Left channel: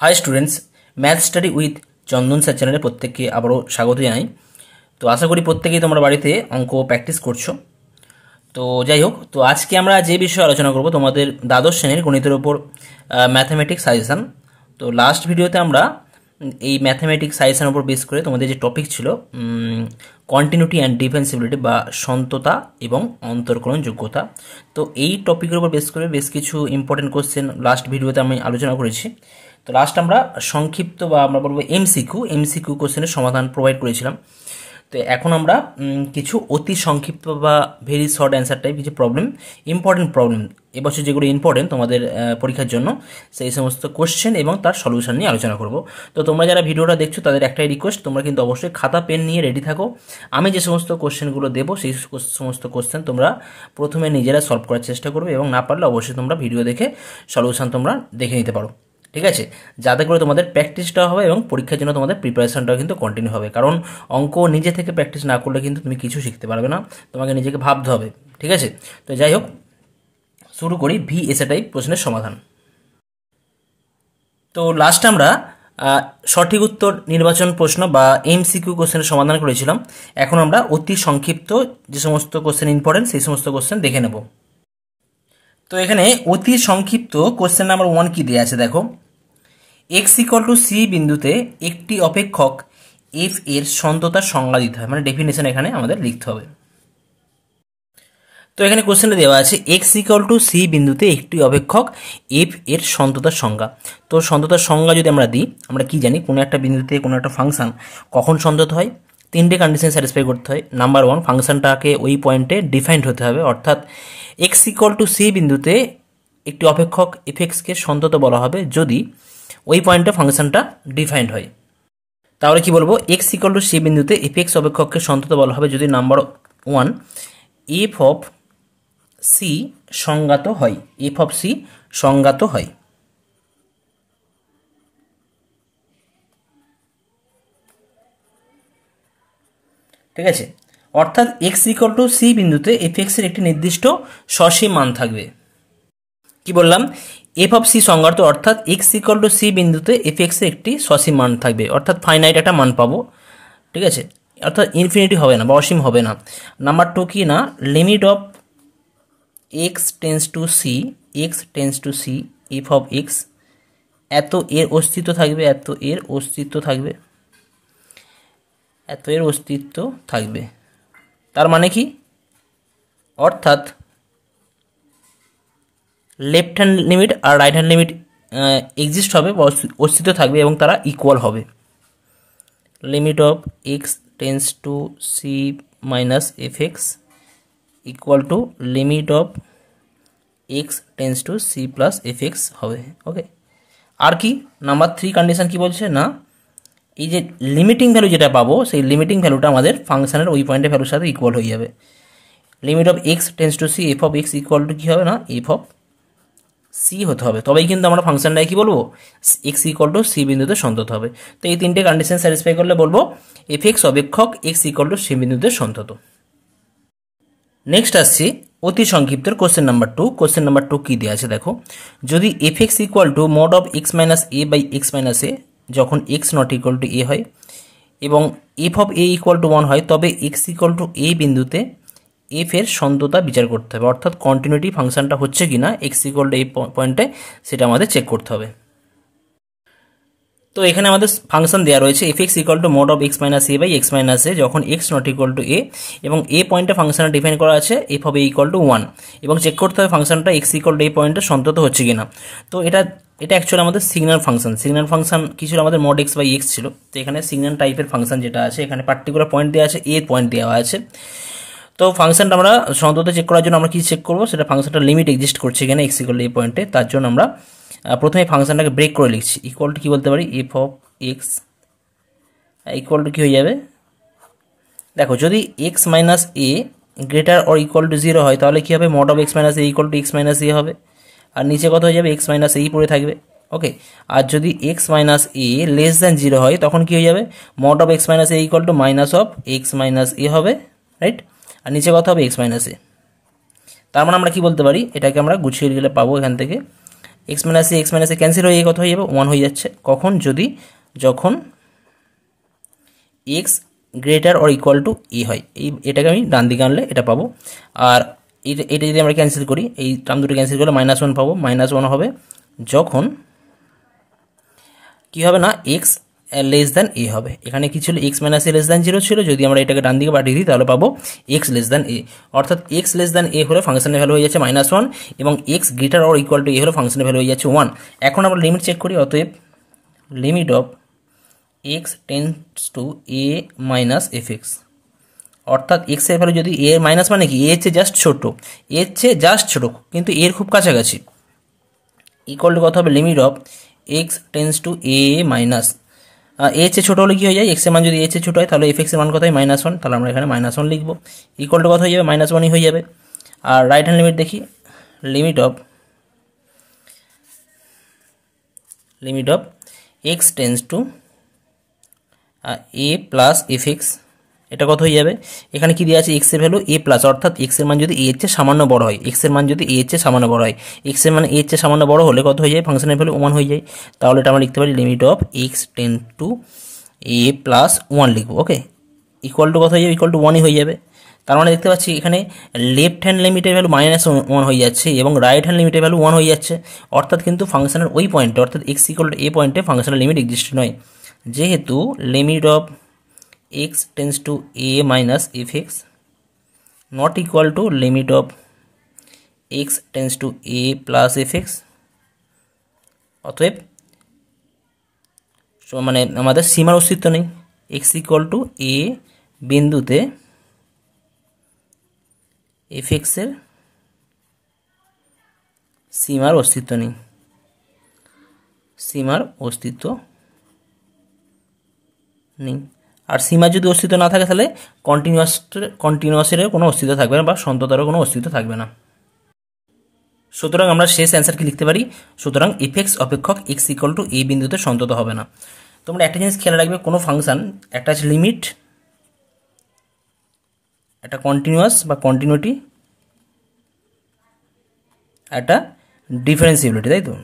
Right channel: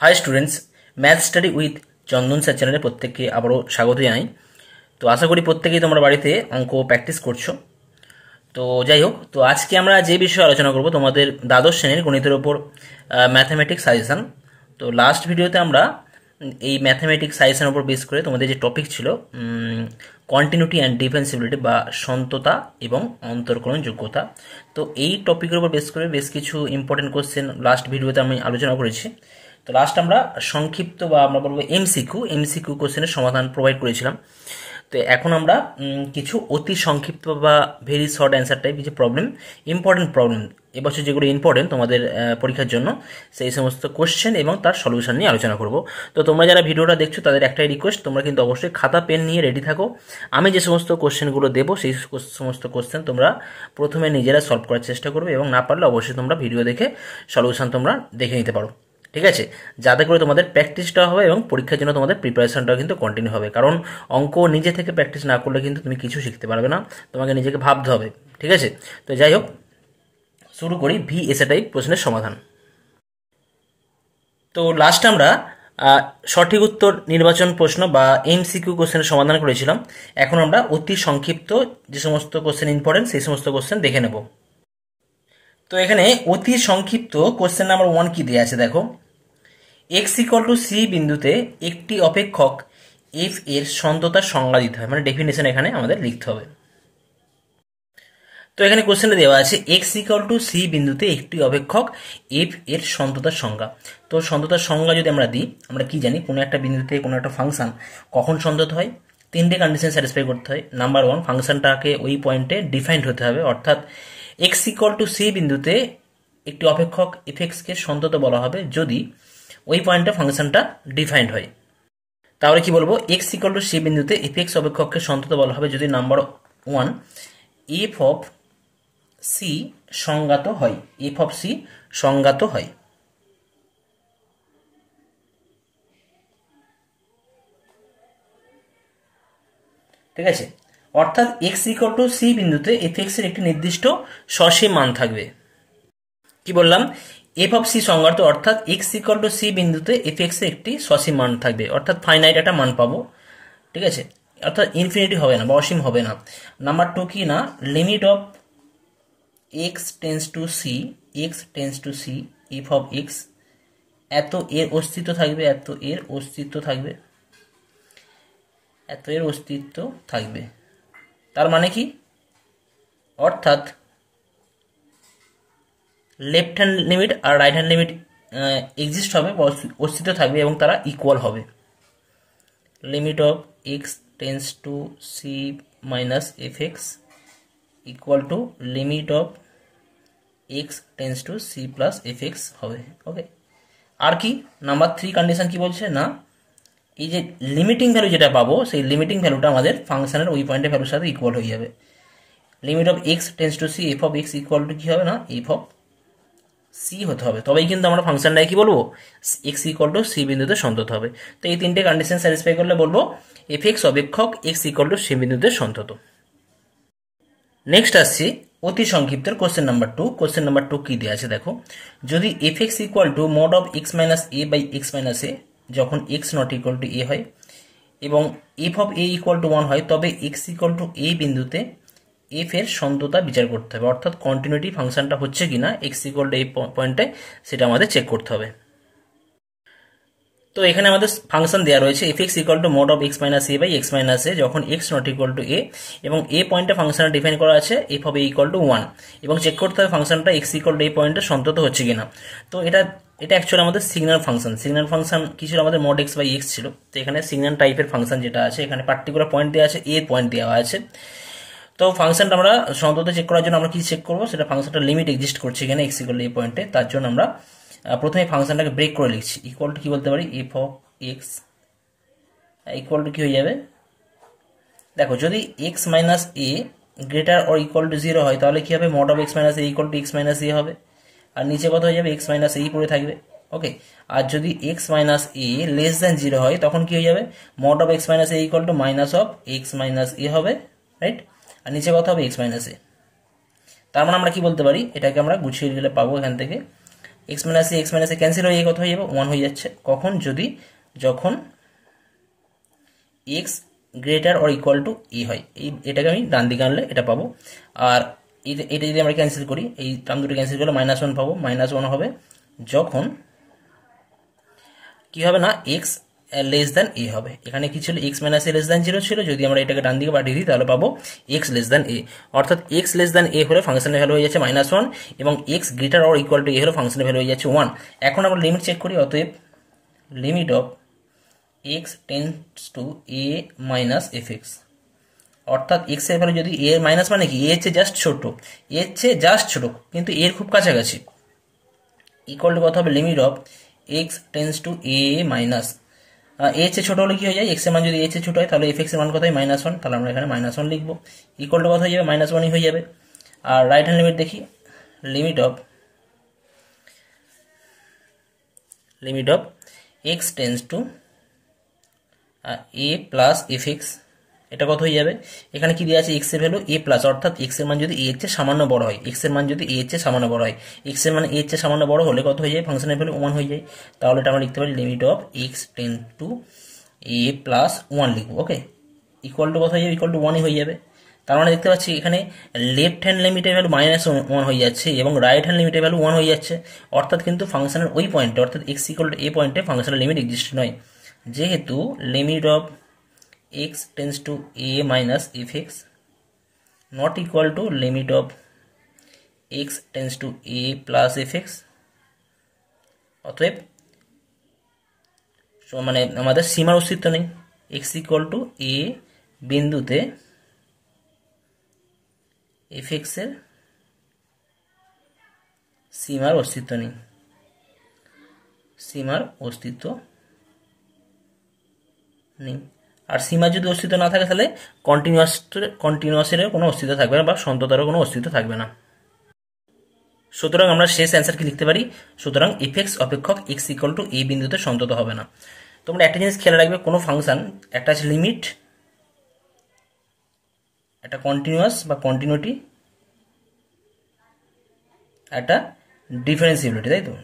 High students, math study with Chandan sir চ্যানেলে প্রত্যেককে আবারও স্বাগত জানাই। তো আশা করি প্রত্যেকেই তোমরা বাড়িতে অঙ্ক প্র্যাকটিস করছো। তো যাই হোক, তো আজকে আমরা যে বিষয়ে আলোচনা করব তোমাদের দ্বাদশ শ্রেণীর গণিতের ওপর ম্যাথামেটিক্স সাজেশন। তো লাস্ট ভিডিওতে আমরা এই ম্যাথামেটিক্স সাজেশনের উপর বেস করে তোমাদের যে টপিক ছিল কন্টিনিউটি অ্যান্ড ডিফেন্সিবিলিটি বা সন্ততা এবং অন্তর্কলন যোগ্যতা, তো এই টপিকের উপর বেস করে বেশ কিছু ইম্পর্টেন্ট কোশ্চেন লাস্ট ভিডিওতে আমি আলোচনা করেছি। তো লাস্ট আমরা সংক্ষিপ্ত বা আমরা বলবো এমসিকিউ কোশ্চেনের সমাধান প্রোভাইড করেছিলাম। তো এখন আমরা কিছু অতি সংক্ষিপ্ত বা ভেরি শর্ট অ্যান্সার টাইপ কিছু ইম্পর্টেন্ট প্রবলেম এবছর যেগুলো ইম্পর্টেন্ট তোমাদের পরীক্ষার জন্য, সেই সমস্ত কোশ্চেন এবং তার সলিউশন নিয়ে আলোচনা করব। তো তোমরা যারা ভিডিওটা দেখছো তাদের একটাই রিকোয়েস্ট, তোমরা কিন্তু অবশ্যই খাতা পেন নিয়ে রেডি থাকো। আমি যে সমস্ত কোশ্চেনগুলো দেবো সেই সমস্ত কোশ্চেন তোমরা প্রথমে নিজেরা সলভ করার চেষ্টা করবে, এবং না পারলে অবশ্যই তোমরা ভিডিও দেখে সলিউশন তোমরা দেখে নিতে পারো। ঠিক আছে, যাতে করে তোমাদের প্র্যাকটিসটা হবে এবং পরীক্ষার জন্য তোমাদের প্রিপারেশনটাও কিন্তু কন্টিনিউ হবে। কারণ অঙ্ক নিজে থেকে প্র্যাকটিস না করলে কিন্তু তুমি কিছু শিখতে পারবে না, তোমাকে নিজেকে ভাবতে হবে। ঠিক আছে, তো যাই হোক, শুরু করি ভিএসএ টাইপ প্রশ্নের সমাধান। তো লাস্ট আমরা সঠিক উত্তর নির্বাচন প্রশ্ন বা এমসিকিউ কোশ্চেনের সমাধান করেছিলাম। এখন আমরা অতি সংক্ষিপ্ত যে সমস্ত কোশ্চেন ইম্পর্টেন্ট সেই সমস্ত কোশ্চেন দেখে নেব। তো এখানে অতি সংক্ষিপ্ত কোশ্চেন নাম্বার 1 কি দেওয়া আছে দেখো, x = c বিন্দুতে একটি অপেক্ষক f এর সন্ততার সংজ্ঞা দিতে হয়, মানে ডেফিনেশন এখানে আমাদের লিখতে হবে। তো এখানে কোশ্চেনে দেওয়া আছে x = c বিন্দুতে একটি অপেক্ষক f এর সন্ততার সংজ্ঞা। তো সন্ততার সংজ্ঞা যদি আমরা দিই, আমরা কি জানি কোনো একটা বিন্দুতে কোনো একটা ফাংশন কখন সন্তত হয়, তিনটে কন্ডিশন স্যাটিসফাই করতে হয়। নাম্বার 1, ফাংশনটাকে ওই পয়েন্টে ডিফাইন্ড হতে হবে, অর্থাৎ x = c বিন্দুতে একটি অপেক্ষক f(x) কে সন্তত বলা হবে যদি ওই পয়েন্টে ফাংশনটা ডিফাইন্ড হয়। তাহলে কি বলবো, x = c বিন্দুতে f(x) অপেক্ষককে সন্তত বলা হবে যদি নাম্বার 1 f(c) সংজ্ঞাত হয়, f(c) সংজ্ঞাত হয়। ঠিক আছে, অর্থাৎ x = c বিন্দুতে f(x) এর একটি নির্দিষ্ট সসীম মান থাকবে। কি বললাম, f(c) সংজ্ঞাত, অর্থাৎ x = c বিন্দুতে f(x) এর একটি সসীম মান থাকবে, অর্থাৎ ফাইনাইট একটা মান পাবো। ঠিক আছে, অর্থাৎ ইনফিনিটি হবে না বা অসীম হবে না। নাম্বার 2 কি না, limit of x tends to c f(x) এত এর অস্তিত্ব থাকবে, এত এর অস্তিত্ব থাকবে। তার মানে কি, অর্থাৎ লেফট হ্যান্ড লিমিট আর রাইট হ্যান্ড লিমিট এক্সিস্ট হবে বা অস্তিত্ব থাকবে এবং তারা ইকুয়াল হবে। Limit of x tends to c minus f(x) equal to limit of x tends to c plus f(x) হবে। ওকে, আর কি নাম্বার 3 কন্ডিশন কি বলছে না, এই যে লিমিটিং ভ্যালু যেটা পাবো সেই লিমিটিং ভ্যালুটা আমাদের ফাংশনের ওই পয়েন্টের ভ্যালুর সাথে ইকুয়াল হয়ে যাবে। Limit of x tends to c f(x) equal to কি হবে না, f(c) হতে হবে, তবেই কিন্তু আমরা ফাংশনটাকে কি বলবো, x = c বিন্দুতে সন্তত হবে। তো এই তিনটে কন্ডিশন স্যাটিসফাই করলে বলবো f(x) অপেক্ষক x = c বিন্দুতে সন্তত। নেক্সট আসছি অতি সংক্ষিপ্ত কোশ্চেন নাম্বার 2। কোশ্চেন নাম্বার 2 কি দেওয়া আছে দেখো, যদি f(x) = mod of x minus a by x minus a যখন x not equal to a হয় এবং f(a) = 1 হয়, তবে x = a বিন্দুতে f এর সন্ততা বিচার করতে হবে, অর্থাৎ কন্টিনিউটি ফাংশনটা হচ্ছে কিনা x = a পয়েন্টে সেটা আমাদের চেক করতে হবে। তো এখানে আমাদের ফাংশন দেওয়া রয়েছে f(x) = mod of x minus a by x minus a যখন x not equal to a, এবং a পয়েন্টে ফাংশনটা ডিফাইন করা আছে f(a) = 1, এবং চেক করতে হবে ফাংশনটা x = a পয়েন্টে সন্তত হচ্ছে কিনা। তো এটা অ্যাকচুয়ালি আমাদের সিগন্যাল ফাংশন কি ছিল, আমাদের mod x by x ছিল। তো এখানে সিগন্যাল টাইপের ফাংশন যেটা আছে, এখানে পার্টিকুলার পয়েন্ট দেওয়া আছে, a পয়েন্ট দেওয়া আছে। তো ফাংশনটা আমরা সন্তত চেক করার জন্য আমরা কি চেক করবো, সেটা ফাংশনটা লিমিট এক্সিস্ট করছে এখানে x = a পয়েন্টে। তার জন্য আমরা প্রথমে ফাংশনটাকে ব্রেক করে লিখছি, ইকুয়াল টু কি বলতে পারি, f(x) ইকুয়াল টু কি হয়ে যাবে, দেখো যদি x minus a greater or equal to 0 হয় তাহলে কি হবে, mod of x minus a = x minus a হবে, আর নিচে কত হয়ে যাবে, x minus a পড়ে থাকবে। ওকে, আর যদি x minus a less than 0 হয় তখন কি হয়ে যাবে, mod of x minus a = minus of x minus a হবে, রাইট, আর নিচে কত হবে, x minus a। তার মানে আমরা কি বলতে পারি, এটাকে আমরা গুছিয়ে গেলে পাবো এখান থেকে এক্স মাইনাস এ ক্যান্সেল হয়ে কত হয়ে যাবে 1 হয়ে যাচ্ছে। কখন? যখন x greater or equal to a হয়। এটাকে আমি ডান দিকে আনলে এটা পাবো। আর এটা যদি আমরা ক্যান্সেল করি, এই টার্ম দুটো ক্যান্সেল করলে -1 পাবো। -1 হবে যখন কি হবে না, এক্স লেস দ্যান এ হবে। এখানে কি ছিল? এক্স মাইনাস এ লেস দ্যান 0 ছিল। যদি আমরা এটাকে ডান দিকে পাঠিয়ে দিই তাহলে পাবো এক্স লেস দ্যান এ। অর্থাৎ এক্স লেস দ্যান এ হলে ফাংশনের ভ্যালু হয়ে যাচ্ছে -1 এবং x greater or equal to a হলে ফাংশনের ভ্যালু হয়ে যাচ্ছে 1। এখন আমরা লিমিট চেক করি। অতএব limit of x tends to A minus f x, অর্থাৎ এক্স এর ভ্যালু যদি এ মাইনাস মানে কি, এর চেয়ে জাস্ট ছোট, এর চেয়ে জাস্ট ছোট কিন্তু এর খুব কাছাকাছি, ইকুয়াল টু কত হবে? Limit of x tends to A minus, এর চেয়ে ছোট হলে কি হয়ে যায়? এক্স এর মান যদি এর চেয়ে ছোট হয় তাহলে এফ এক্স এর মান কত হয়? -1। তাহলে আমরা এখানে -1 লিখবো। ইকুয়াল টু কত হয়ে যাবে? -1ই হয়ে যাবে। আর রাইট হ্যান্ড লিমিট দেখি। Limit of x tends to a plus f x, এটা কত হয়ে যাবে? এখানে কি দেওয়া আছে? এক্স এর ভ্যালু এ প্লাস, অর্থাৎ এক্স এর মান যদি এর চেয়ে সামান্য বড় হয়, এক্স এর মান যদি এর চেয়ে সামান্য বড় হয়, এক্স এর মান এর চেয়ে সামান্য বড় হলে কত হয়ে যায়? ফাংশনের ভ্যালু 1 হয়ে যায়। তাহলে এটা আমরা লিখতে পারি limit of x tend two a plus 1 লিখবো। ওকে, ইকুয়াল টু কত হয়ে যাবে? ইকুয়াল টু 1ই হয়ে যাবে। তার মানে দেখতে পাচ্ছি এখানে লেফট হ্যান্ড লিমিটের ভ্যালু -1 হয়ে যাচ্ছে এবং রাইট হ্যান্ড লিমিটের ভ্যালু 1 হয়ে যাচ্ছে। অর্থাৎ কিন্তু ফাংশনের ওই পয়েন্টে, অর্থাৎ এক্স ইকুয়াল টু এ পয়েন্টে ফাংশনের লিমিট এক্সিস্ট নয়, যেহেতু limit of x tends to a minus fx not equal to limit of x tends to a plus fx। অতএব মানে আমাদের সীমার অস্তিত্ব নেই। x equal to a বিন্দুতে fx এর সীমার অস্তিত্ব নেই, সীমার অস্তিত্ব নেই। আর সীমা যদি অস্তিত্ব না থাকে তাহলে কন্টিনিউয়াসের কোনো অস্তিত্ব থাকবে না বা সন্ততারও কোনো অস্তিত্ব থাকবে না। সুতরাং আমরা শেষ অ্যান্সার কি লিখতে পারি? সুতরাং এফএক্স অপেক্ষক এক্স ইকুয়াল টু এ বিন্দুতে সন্তত হবে না। তোমরা একটা জিনিস খেয়াল রাখবে, কোনো ফাংশন একটা আছে লিমিট, একটা কন্টিনিউয়াস বা কন্টিনিউটি, একটা ডিফারেন্সিবিলিটি, তাই তো?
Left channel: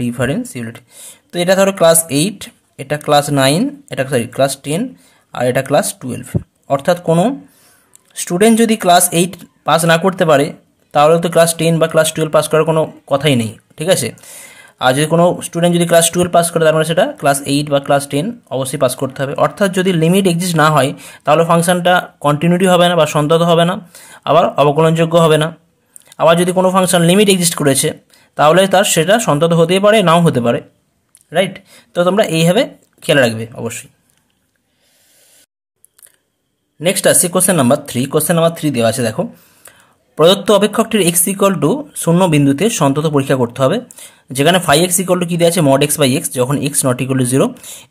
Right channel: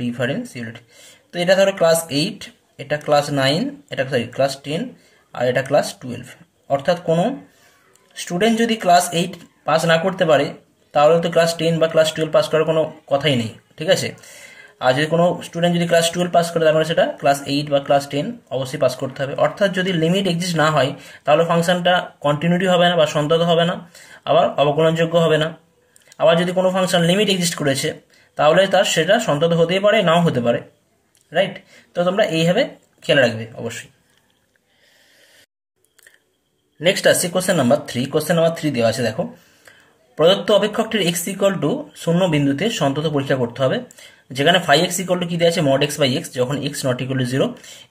ডিফারেন্সিবিলিটি। তো এটা ধরো ক্লাস 8, এটা ক্লাস 9, এটা ক্লাস 10 আর এটা ক্লাস 12। অর্থাৎ কোনো স্টুডেন্ট যদি ক্লাস 8 পাস না করতে পারে তাহলে তো ক্লাস 10 বা ক্লাস 12 পাস করার কোনো কথাই নেই, ঠিক আছে? আর যদি কোনো স্টুডেন্ট যদি ক্লাস 12 পাস করে তার মানে সেটা ক্লাস 8 বা ক্লাস 10 অবশ্যই পাস করতে হবে। অর্থাৎ যদি লিমিট এক্সিস্ট না হয় তাহলে ফাংশনটা কন্টিনিউটি হবে না বা সন্তত হবে না, আবার অবকলনযোগ্য হবে না। আবার যদি কোনো ফাংশন লিমিট এক্সিস্ট করেছে তাহলে সেটা সন্তত হতেই পারে, নাও হতে পারে, রাইট? তো তোমরা এইভাবে খেয়াল রাখবে অবশ্যই। নেক্সট আসছে কোশ্চেন নাম্বার 3। কোশ্চেন নাম্বার 3 দেওয়া আছে, দেখো, প্রদত্ত অপেক্ষকটির এক্স ইকুয়াল টু 0 বিন্দুতে সন্তত পরীক্ষা করতে হবে, যেখানে ফাই এক্স ইকুয়াল টু কি দেওয়া আছে? mod x বাই এক্স, যখন এক্স নট ইকুয়াল টু 0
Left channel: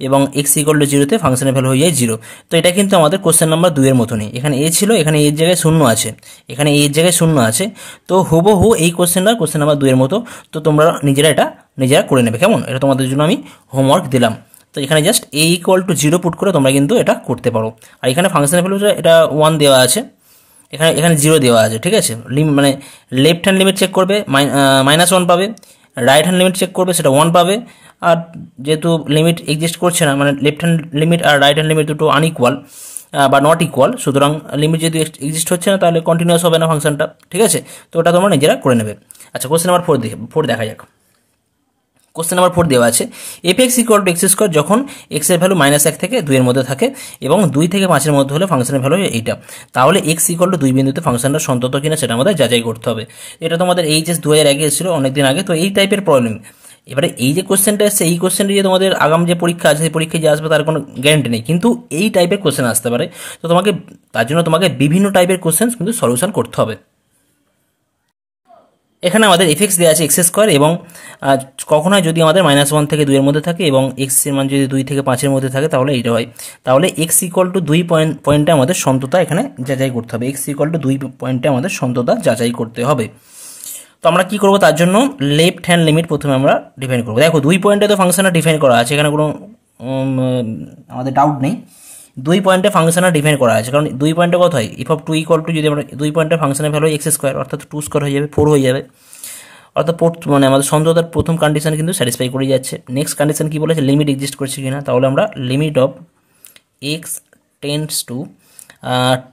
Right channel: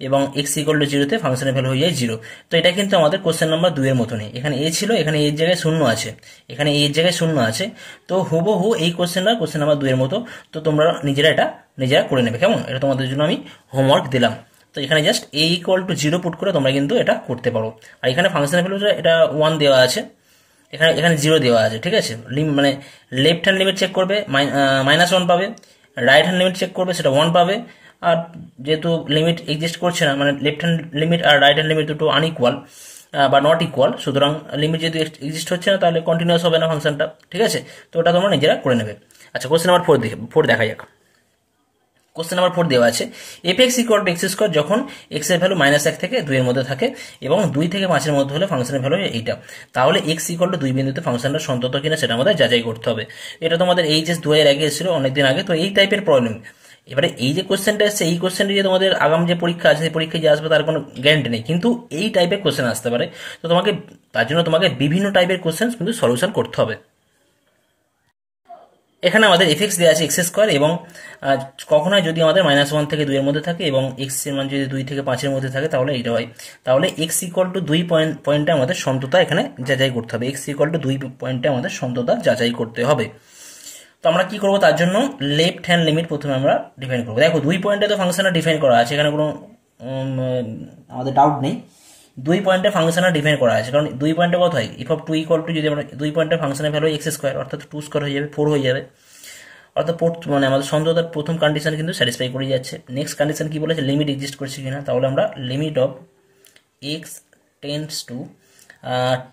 এবং এক্স ইকুয়াল টু 0 তে ফাংশনের ভ্যালু হয়ে যায় 0। তো এটা কিন্তু আমাদের কোশ্চেন নাম্বার 2 এর মতনই, এখানে এ ছিল, এখানে এর জায়গায় 0 আছে, এখানে এর জায়গায় 0 আছে। তো হুবহু এই কোশ্চেনটা কোশ্চেন নাম্বার 2 এর মতো। তো তোমরা নিজেরা করে নেবে, কেমন? এটা তোমাদের জন্য আমি হোমওয়ার্ক দিলাম। তো এখানে just a equal to 0 put করে তোমরা কিন্তু এটা করতে পারো। আর এখানে ফাংশনের ভ্যালুটা এটা 1 দেওয়া আছে, এখানে 0 দেওয়া আছে, ঠিক আছে? মানে লেফট হ্যান্ড লিমিট চেক করবে -1 পাবে, রাইট হ্যান্ড লিমিট চেক করবে সেটা 1 পাবে। আর যেহেতু লিমিট এক্সিস্ট করছে না, মানে লেফট হ্যান্ড লিমিট আর রাইট হ্যান্ড লিমিট দুটো আনইকুয়াল বা নট ইকুয়াল, সুতরাং লিমিট যদি এক্সিস্ট হচ্ছে না তাহলে কন্টিনিউয়াস হবে না ফাংশনটা, ঠিক আছে? তো ওটা তোমরা নিজেরা করে নেবে। আচ্ছা, কোশ্চেন নাম্বার 4 দেখা যাক। কোশ্চেন নাম্বার 4 দেওয়া আছে, f x equal two x square যখন এক্স এর ভ্যালু -1 থেকে 2 এর মধ্যে থাকে এবং 2 থেকে 5 এর মধ্যে হলে ফাংশনের ভ্যালু এইটা, তাহলে এক্স ইকুয়াল টু 2 বিন্দুতে ফাংশনটা সন্তত কিনা সেটা আমাদের যাচাই করতে হবে। এটা তোমাদের এইচএস 2001 এসেছিল, অনেকদিন আগে। তো এই টাইপের প্রবলেম। এবারে এই যে কোশ্চেনটা এসছে, এই কোশ্চেনটা যে তোমাদের আগাম যে পরীক্ষা আছে সেই পরীক্ষায় যে আসবে তার কোনো গ্যারান্টি নেই, কিন্তু এই টাইপের কোশ্চেন আসতে পারে। তো তার জন্য তোমাকে বিভিন্ন টাইপের কোশ্চেন কিন্তু সলিউশন করতে হবে। এখানে আমাদের এফএক্স দেওয়া আছে এক্স স্কোয়ার, এবং কখনো যদি আমাদের -1 থেকে 2 এর মধ্যে থাকে এবং এক্স এর মান যদি 2 থেকে 5 এর মধ্যে থাকে তাহলে এইটা হয়। তাহলে এক্স ইকুয়াল টু 2 পয়েন্টে আমাদের সন্ততা এখানে যাচাই করতে হবে। এক্স ইকুয়াল টু 2 পয়েন্টে আমাদের সন্ততা যাচাই করতে হবে। তো আমরা কি করবো? তার জন্য লেফট হ্যান্ড লিমিট প্রথমে আমরা ডিফাইন করবো। দেখো 2 পয়েন্টে তো ফাংশনটা ডিফাইন করা আছে, এখানে কোনো আমাদের ডাউট নেই। 2 পয়েন্টে ফাংশনটা ডিফাইন করা আছে, কারণ 2 পয়েন্টে কত হয়? ইফ অফ 2 ইকুয়াল টু, যদি আমরা 2 পয়েন্টের ফাংশনের ভ্যালু এক্স স্কোয়ার, অর্থাৎ 2 স্কোয়ার হয়ে যাবে, 4 হয়ে যাবে। অর্থাৎ মানে আমাদের সন্ততার প্রথম কন্ডিশন কিন্তু স্যাটিসফাই করে যাচ্ছে। নেক্সট কন্ডিশন কি বলেছে, লিমিট এক্সিস্ট করছে কিনা, তাহলে আমরা limit of x tends to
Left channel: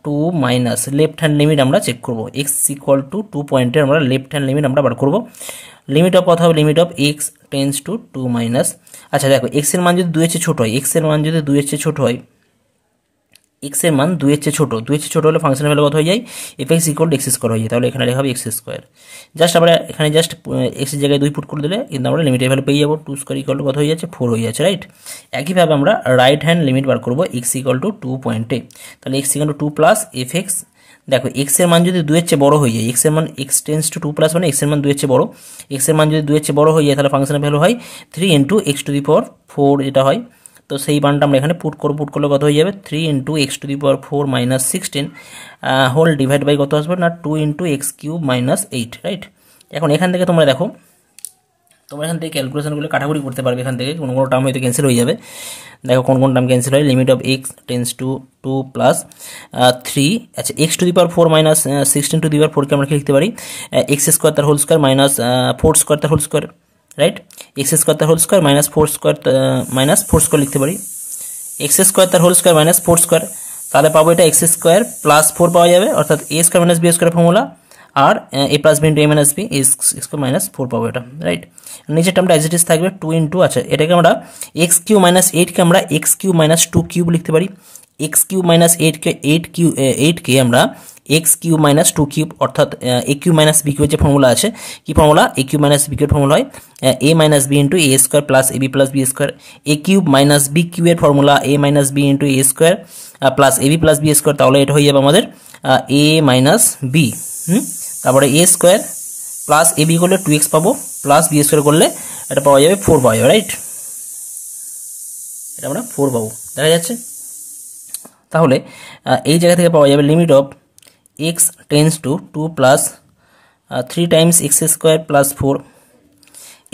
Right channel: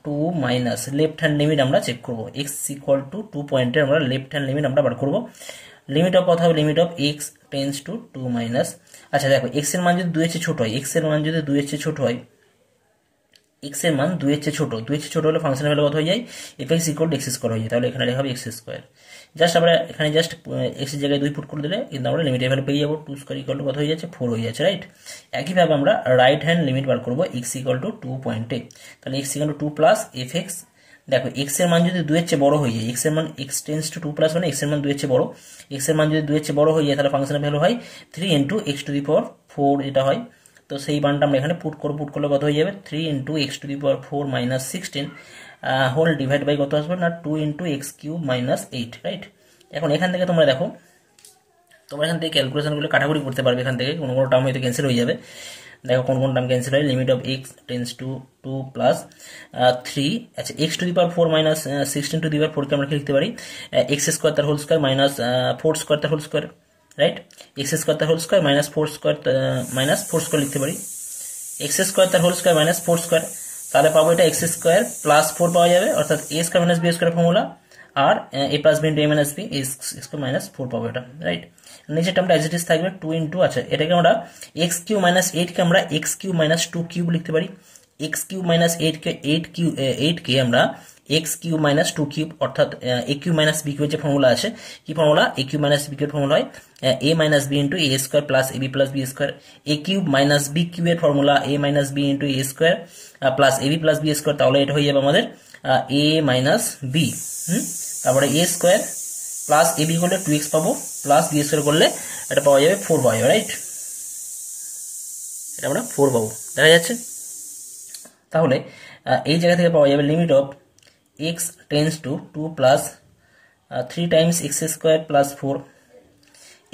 2 minus left hand limit আমরা চেক করবো, এক্স ইকুয়াল টু 2 পয়েন্টের আমরা লেফট হ্যান্ড লিমিট আমরা বার করবো। লিমিট অফ কথা হবে limit of x tends to 2 minus, আচ্ছা দেখো এক্স এর মান যদি 2 এর চেয়ে ছোট হয়, এক্স এর মান যদি 2 এর চেয়ে ছোট হয়, এক্স এর মান 2 এর চেয়ে ছোট, 2 এর চেয়ে ছোট হলে ফাংশনের ভ্যালু কত হয়ে যায়, F x equal two x square হয়ে যায়, তাহলে এখানে লেখা হবে এক্স স্কোয়ার। জাস্ট আমরা এখানে জাস্ট এক্স এর জায়গায় 2 পুট করে দিলে কিন্তু আমরা লিমিটের ভ্যালু পেয়ে যাবো, 2 স্কোয়ার ইকুয়াল টু কত হয়ে যাচ্ছে, 4 হয়ে যাচ্ছে, রাইট। একইভাবে আমরা রাইট হ্যান্ড লিমিট বার করবো এক্স ইকুয়াল টু 2 পয়েন্টে, তাহলে x equal two 2 plus f x, দেখো এক্স এর মান যদি 2 এর চেয়ে বড় হয়ে যায়, এক্স এর মান এক্স টেন্স টু 2 প্লাস মানে এক্স এর মান 2 এর চেয়ে বড়, এক্স এর মান যদি 2 এর চেয়ে বড় হয়ে যায় তাহলে ফাংশনের ভ্যালু হয় 3 into x to the power 4 যেটা হয়। তো সেই মানটা আমরা এখানে পুট করলে কত হয়ে যাবে, 3 into x to the power 4 minus 16 whole divide by কত আসবে না 2 into x cube minus 8, right. এখন এখান থেকে তোমরা দেখো, তোমরা এখান থেকে ক্যালকুলেশনগুলো কাটাকুটি করতে পারবে, এখান থেকে কোনো কোনো টার্ম হয়তো ক্যান্সেল হয়ে যাবে। দেখো কোন কোন টার্ম ক্যান্সেল হয়, limit of x tends to 2 plus 3, আচ্ছা x to the power 4 minus 16 to the power 4 কে আমরা কি লিখতে পারি, এক্স স্কোয়ার তার হোল স্কোয়ার মাইনাস 4 স্কোয়ার তার whole square, right. X square তার হোল স্কোয়ার মাইনাস 4 স্কোয়ার লিখতে পারি, এক্স স্কোয়ার তার হোল স্কোয়ার মাইনাস 4 স্কোয়ার, তাহলে পাবো এটা এক্স স্কোয়ার প্লাস 4 পাওয়া যাবে, অর্থাৎ a square minus b square formula, আর a plus b into a minus b square minus 4 পাবো এটা, রাইট। নিচের টার্মটা এজ ইট ইজ থাকবে 2 ইন্টু, আচ্ছা এটাকে আমরা এক্স কিউ মাইনাস 8 কে আমরা এক্স কিউ মাইনাস 2 কিউব লিখতে পারি, এক্স কিউ মাইনাস 8 কে আমরা এক্স কিউ মাইনাস 2 কিউব, অর্থাৎ এ কিউ মাইনাস বি কিউ যে ফর্মুলা আছে, কি ফর্মুলা, এ কিউ মাইনাস বি কিউ এর ফর্মুলা হয় এ minus B into A square plus A B plus B square, A cube minus B Q এর formula A minus B into A square plus A B plus B square, তাহলে এটা হয়ে যাবে আমাদের এ minus B, তারপরে এ square plus A B করলে 2x পাবো, plus B square করলে এটা পাওয়া যাবে 4 পাওয়া যাবে, রাইট। এটা আমরা 4 পাবো, দেখা যাচ্ছে। তাহলে এই জায়গা থেকে পাওয়া যাবে limit of x tends to 2 plus 3 times x square plus 4,